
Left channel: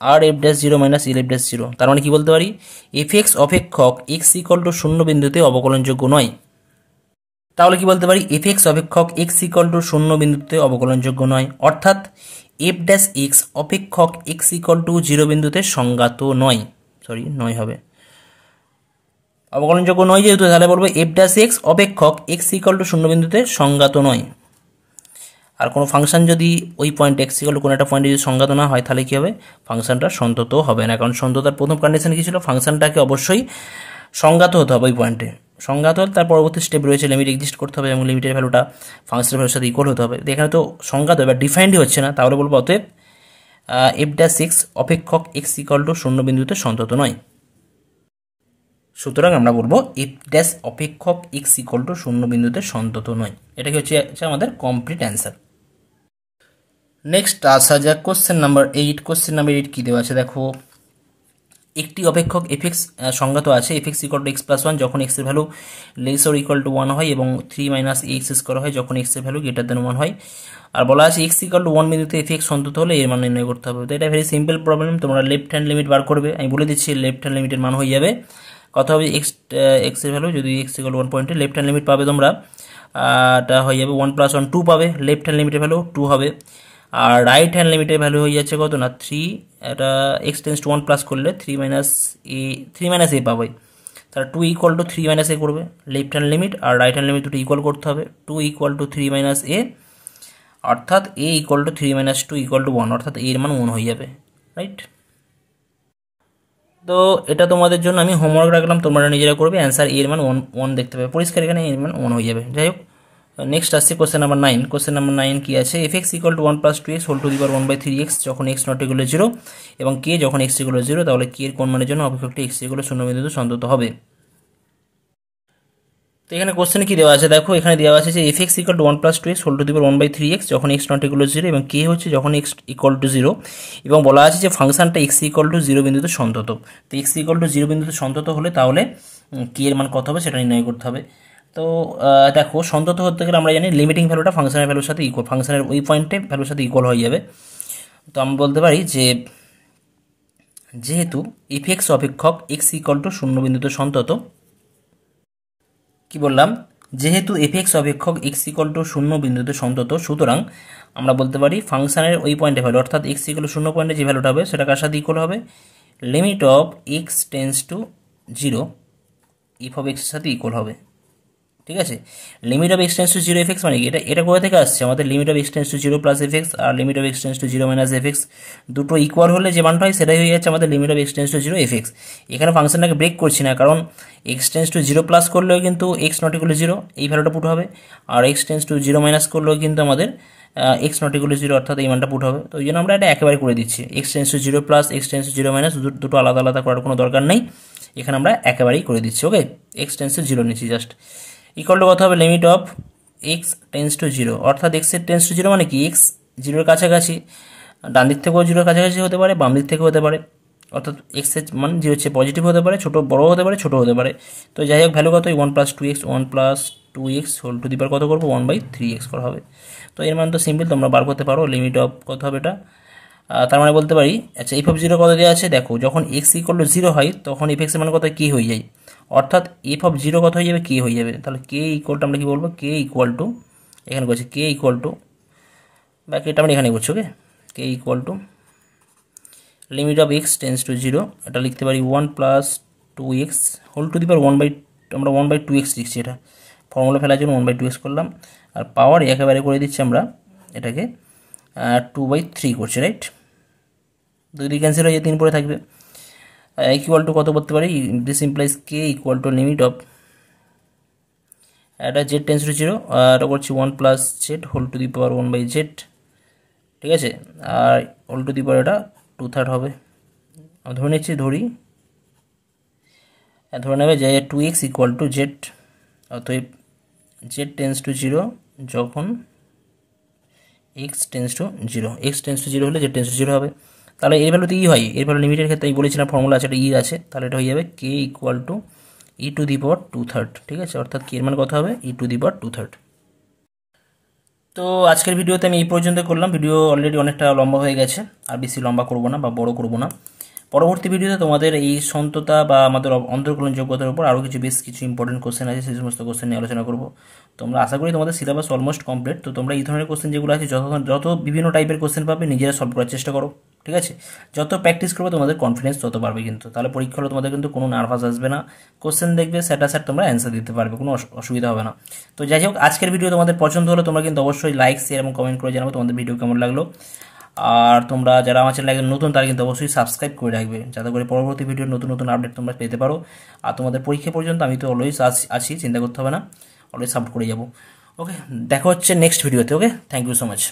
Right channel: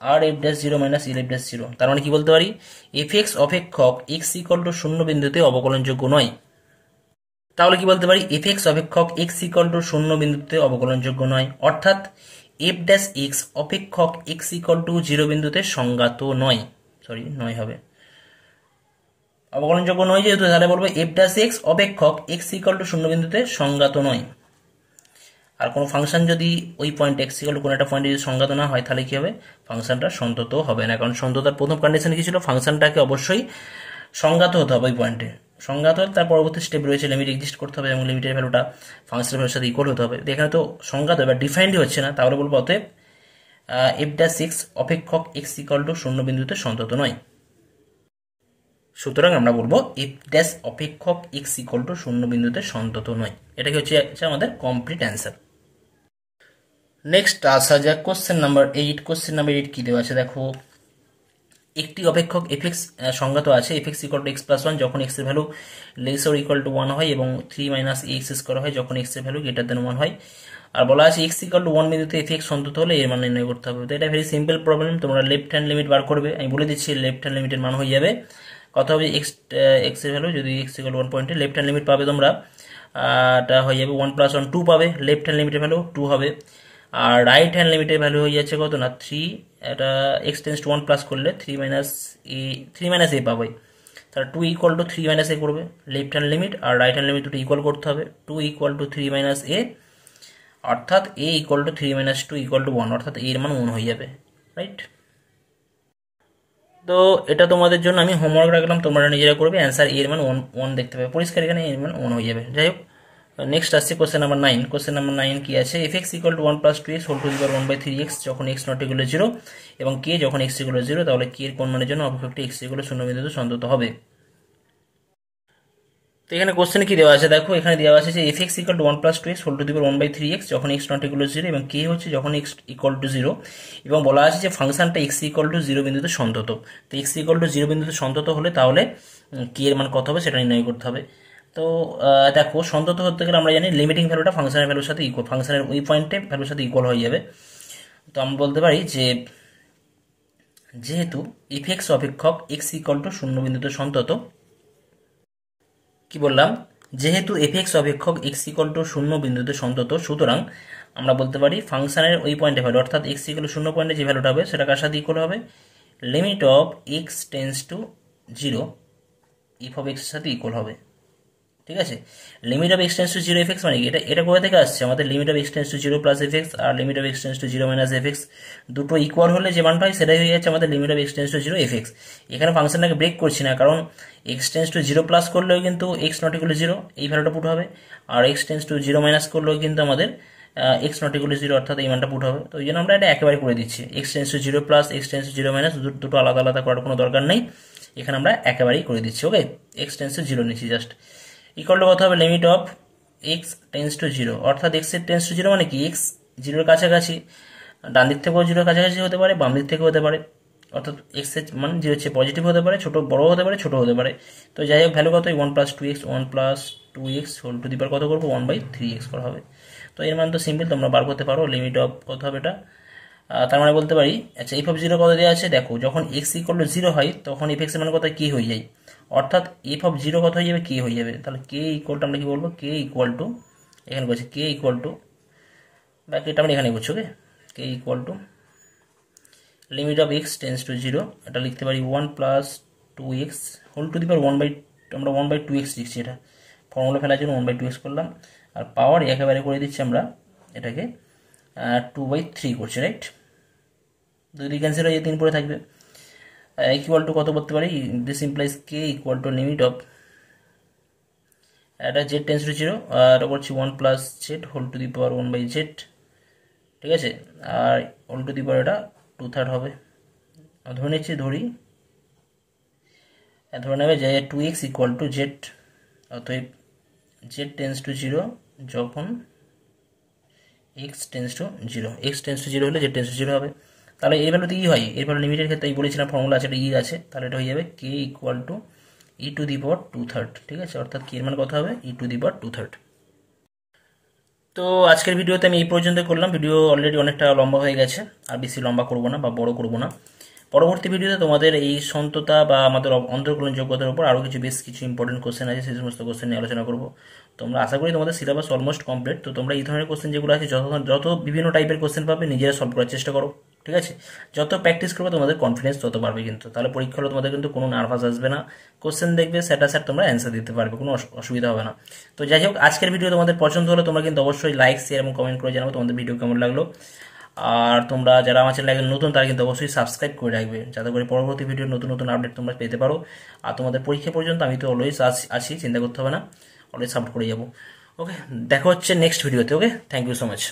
আর f dash 0 minus L f dash 0, তার মানে কি বলতে পারি, এফ এক্স অপেক্ষক এক্স ইকুয়াল টু 0 বিন্দুতে অবকলনযোগ্য নয়। তাহলে কি বলতে পারি, এফ এক্স অপেক্ষক এক্স ইকুয়াল টু 0 বিন্দুতে অবকলনযোগ্য নয়, অর্থাৎ এফ ড্যাশ এক্স অপেক্ষক এক্স ইকুয়াল টু 0 বিন্দুতে সংজ্ঞাত নয়, নয় হবে, অবকলনযোগ্য নয় যেহেতু, তাহলে বলবো এফ ড্যাশ এক্স অপেক্ষক এক্স ইকুয়াল টু 0 বিন্দুতে সংজ্ঞাত নয়। আর কোনো ফাংশন যদি ওই পয়েন্ট এক্স ইকুয়াল টু কোনো একটা পয়েন্টে যদি সংজ্ঞাত না হয়, তাহলে কী হবে, ফাংশনটা সন্তত হবে না। কারণ সন্ততার প্রথম কন্ডিশন কী ছিল, ফাংশনটাকে অবশ্যই সংজ্ঞাত হতে হবে ওই পয়েন্টে। সংজ্ঞাত হলে তার পরবর্তী স্টেপ রয়েছে লিমিট এক্সিস্ট করতে হবে এবং লিমিটের ভ্যালুটা ফাংশনের ভ্যালুর সাথে ইকুয়াল হতে হবে। এখানে তো সংজ্ঞাত বা ডিফাইন্ডই হচ্ছে না, তাহলে বলবো অতএব এফ ড্যাশ এক্স অপেক্ষক এক্স ইকুয়াল টু 0 বিন্দুতে সন্তত নয়। সুতরাং আমরা বলবো এফ ড্যাশ অপেক্ষক এক্স ইকুয়াল টু 0 বিন্দুতে সন্তত নয়। এটাকে হচ্ছে আমাদের কমপ্লিট অ্যান্সার। নেক্সট আসা যাক কোশ্চেন নাম্বার 8। কোশ্চেন নাম্বার 8 কী দেওয়া আছে দেখো, একটি অপেক্ষক এফ এক্স সংজ্ঞাত আছে, f x equal two x plus 1 যখন এক্স এর value less or equal to 1 হয় এবং 3 মাইনাস এক্স স্কোয়ার হয় যখন এক্স এর ভ্যালু গ্রেটার দেন 1 হয়। আর বলা আছে এক্স ইকুয়াল টু 1 বিন্দুতে এফ এক্স সন্তত হলে এর মান নির্ণয় করতে হবে। তো এটা ভেরি সিম্পল প্রবলেম, তোমরা লেফট হ্যান্ড লিমিট বার করবে, আমি বলে দিচ্ছি লেফট হ্যান্ড লিমিটের মান হয়ে যাবে কত হবে, এক্স এর ভ্যালু যদি এক্স ইকুয়াল টু 1 পয়েন্টে লেফট হ্যান্ড লিমিট পাবে তোমরা, এটা হয়ে যাবে 1 + 1 2 পাবে, লেফট হ্যান্ড লিমিটের ভ্যালু 2 হবে। আর রাইট হ্যান্ড লিমিটের ভ্যালু হয়ে যাচ্ছে কত না 3, এটা এক্স টেন্স টু 1 প্লাস করলে 3 মাইনাস এ পাবে, তাহলে 2 ইকুয়াল টু 3 মাইনাস এ করবে লেফট হ্যান্ড লিমিট, আর রাইট হ্যান্ড লিমিট দুটো ইকুয়াল করতে হবে, 2 ইকুয়াল টু 3 মাইনাস এ, অর্থাৎ a equal to 3 minus 2 equal to 1, অর্থাৎ এর মান 1 হয়ে যাবে, রাইট। তো এটা তোমাদের জন্য আমি হোমওয়ার্ক রাখলাম, তোমরা নিজেরা করবে, অ্যান্সার এর মান 1 দেখতে পাবে পরিষ্কার, এখানে এর মান 1 হয়ে যাবে। যাই হোক, নেক্সট আসছে কোশ্চেন নাম্বার 9। কোশ্চেন নাম্বার 9 কি আছে, f x equal to 1 + 2x whole to the power 1/3x যখন এক্স নট ইকুয়াল টু 0 এবং কে যখন এক্স ইকুয়াল টু 0, তাহলে কে এর কোন মানের জন্য অপেক্ষকটি এক্স ইকুয়াল টু 0 বিন্দুতে সন্তত হবে। তো এখানে কোশ্চেন কি দেওয়া আছে দেখো, এখানে দেওয়া আছে যে f x equal to 1 + 2x whole to the power 1/3x যখন এক্স নট ইকুয়াল টু 0 এবং কে হচ্ছে যখন এক্স ইকুয়াল টু 0, এবং বলা আছে যে ফাংশনটা এক্স ইকুয়াল টু 0 বিন্দুতে সন্তত। তো এক্স ইকুয়াল টু 0 বিন্দুতে সন্তত হলে তাহলে কে এর মান কত হবে সেটা নির্ণয় করতে হবে। তো দেখো, সন্তত হতে গেলে আমরা জানি লিমিটিং ভ্যালুটা ফাংশনের ভ্যালুর সাথে ইকুয়াল, ফাংশনের ওই পয়েন্টে ভ্যালুর সাথে ইকুয়াল হয়ে যাবে। তো আমরা বলতে পারি যে যেহেতু এফ এক্স অপেক্ষক এক্স ইকুয়াল টু 0 বিন্দুতে সন্তত, কি বললাম, যেহেতু এফ এক্স অপেক্ষক এক্স ইকুয়াল টু 0 বিন্দুতে সন্তত, সুতরাং আমরা বলতে পারি ফাংশনের ওই পয়েন্টে ভ্যালু, অর্থাৎ এক্স ইকুয়াল টু 0 পয়েন্টে যে ভ্যালুটা হবে সেটা কার সাথে ইকুয়াল হবে, limit of x tends to 0 f of এক্সের সাথে ইকুয়াল হবে। ঠিক আছে, limit of x tends to 0 f x মানে কি, এটা কোথা থেকে আসছে, আমাদের limit of x tends to 0 plus f x আর limit of x tends to 0 minus f x দুটো ইকুয়াল হলে যে মানটা হয় সেটাই হয়ে যাচ্ছে আমাদের limit of x tends to 0 f x. এখানে ফাংশনটাকে ব্রেক করছি না, কারণ এক্স টেন্স টু 0 প্লাস করলেও কিন্তু এক্স নট ইকুয়াল টু 0 এই ভ্যালুটা পুট হবে, আর এক্স টেন্স টু 0 মাইনাস করলেও কিন্তু আমাদের এক্স নট ইকুয়াল টু 0 অর্থাৎ এই মানটা পুট হবে। তো ওই জন্য আমরা এটা একেবারে করে দিচ্ছি, x tends to 0 plus x tends to 0 minus দুটো আলাদা আলাদা করার কোনো দরকার নেই, এখানে আমরা একেবারেই করে দিচ্ছি। ওকে, এক্স টেন্স টু 0 নিচ্ছি জাস্ট, ইকুয়াল টু কত হবে, limit of x tends to 0, অর্থাৎ এক্স টেন্স টু 0 মানে কি, এক্স 0-এর কাছাকাছি, ডান দিক থেকেও 0-এর কাছাকাছি হতে পারে, বাম দিক থেকেও হতে পারে, অর্থাৎ এক্স এর মান 0 হচ্ছে পজিটিভ হতে পারে, ছোটো বড় হতে পারে, ছোটো হতে পারে। তো যাই হোক, ভ্যালু কত, 1 + 2x, 1 + 2x whole to the পাওয়ার কত করবো, 1/3x করা হবে। তো এর মান তো সিম্পল, তোমরা বার করতে পারো, লিমিট অফ কত হবে এটা, তার মানে বলতে পারি, আচ্ছা এফ অফ 0 কত দেওয়া আছে দেখো, যখন এক্স ইকুয়াল টু 0 হয় তখন এফ এক্স এর মান কত কে হয়ে যায়, অর্থাৎ এফ অফ 0 কত হয়ে যাবে, কে হয়ে যাবে। তাহলে কে ইকুয়াল টু আমরা কি বলবো, কে ইকুয়াল টু, এখানে বলছি কে ইকুয়াল টু, বাকি এটা আমরা এখানে করছি, okay, k equal to limit of x tends to 0, এটা লিখতে পারি 1 + 2x হোল টু দি পাওয়ার আমরা 1/2x লিখছি, এটা ফর্মুলা ফেলার জন্য 1/2x করলাম, আর পাওয়ার একেবারে করে দিচ্ছি আমরা এটাকে 2/3 করছি, রাইট, 2 দিয়ে ক্যান্সেল হয়ে 3 পরে থাকবে, ইকুয়াল টু কত বলতে পারি, this implies k equal to limit of, এটা জেড টেন্স টু 0, এটা করছি 1 + z whole to the power 1/z, ঠিক আছে, আর হোল টু দি পাওয়ার এটা 2/3 হবে, ধরে নিচ্ছি, ধরি ধরে নেবে যে 2x ইকুয়াল টু জেড, অতএব জেড টেন্স টু জিরো যখন x tense to zero, x tends to zero হলে জেড টেন্স টু জিরো হবে। তাহলে এর ভ্যালু তো ই হয়, এর ভ্যালু লিমিটের ক্ষেত্রে আমি বলেছিলাম ফর্মুলা আছে, এটা ই আছে, তাহলে এটা হয়ে যাবে k equal to e to the power 2/3, ঠিক আছে, অর্থাৎ কে এর মান কত হবে ই টু দি পাওয়ার 2/3। তো আজকের ভিডিওতে আমি এই পর্যন্ত করলাম, ভিডিও অলরেডি অনেকটা লম্বা হয়ে গেছে, আর বেশি লম্বা করব না বা বড় করব না। পরবর্তী ভিডিওতে তোমাদের এই সন্ততা বা আমাদের অন্তর্কলন যোগ্যতার উপর আরও কিছু বেশ কিছু ইম্পর্টেন্ট কোশ্চেন আছে, সেই সমস্ত কোশ্চেন নিয়ে আলোচনা করব। তোমরা আশা করি তোমাদের সিলেবাস অলমোস্ট কমপ্লিট, তো তোমরা এই ধরনের কোশ্চেন যেগুলো আছে যত বিভিন্ন টাইপের কোশ্চেন পাবে নিজেরা সলভ করার চেষ্টা করো, ঠিক আছে। যত প্র্যাকটিস করবে তোমাদের কনফিডেন্স তত পারবে, কিন্তু তাহলে পরীক্ষা হলে তোমাদের কিন্তু কোনো নার্ভাস আসবে না, কোশ্চেন দেখবে স্যাট তোমরা অ্যান্সার দিতে পারবে, কোনো অসুবিধা হবে না। তো যাই হোক, আজকের ভিডিও তোমাদের পছন্দ হলে তোমরা কিন্তু অবশ্যই লাইক, শেয়ার এবং কমেন্ট করে জানাবো তোমাদের ভিডিও কেমন লাগলো। আর তোমরা যারা আমার চ্যানেলে নতুন তারা কিন্তু অবশ্যই সাবস্ক্রাইব করে রাখবে, যাতে করে পরবর্তী ভিডিওর নতুন নতুন আপডেট তোমরা পেতে পারো। আর তোমাদের পরীক্ষা পর্যন্ত আমি তো অলওয়েজ আছি, চিন্তা করতে হবে না, অলওয়েজ সাপোর্ট করে যাবো। ওকে, দেখা হচ্ছে নেক্সট ভিডিওতে। ওকে, থ্যাংক ইউ সো মাচ।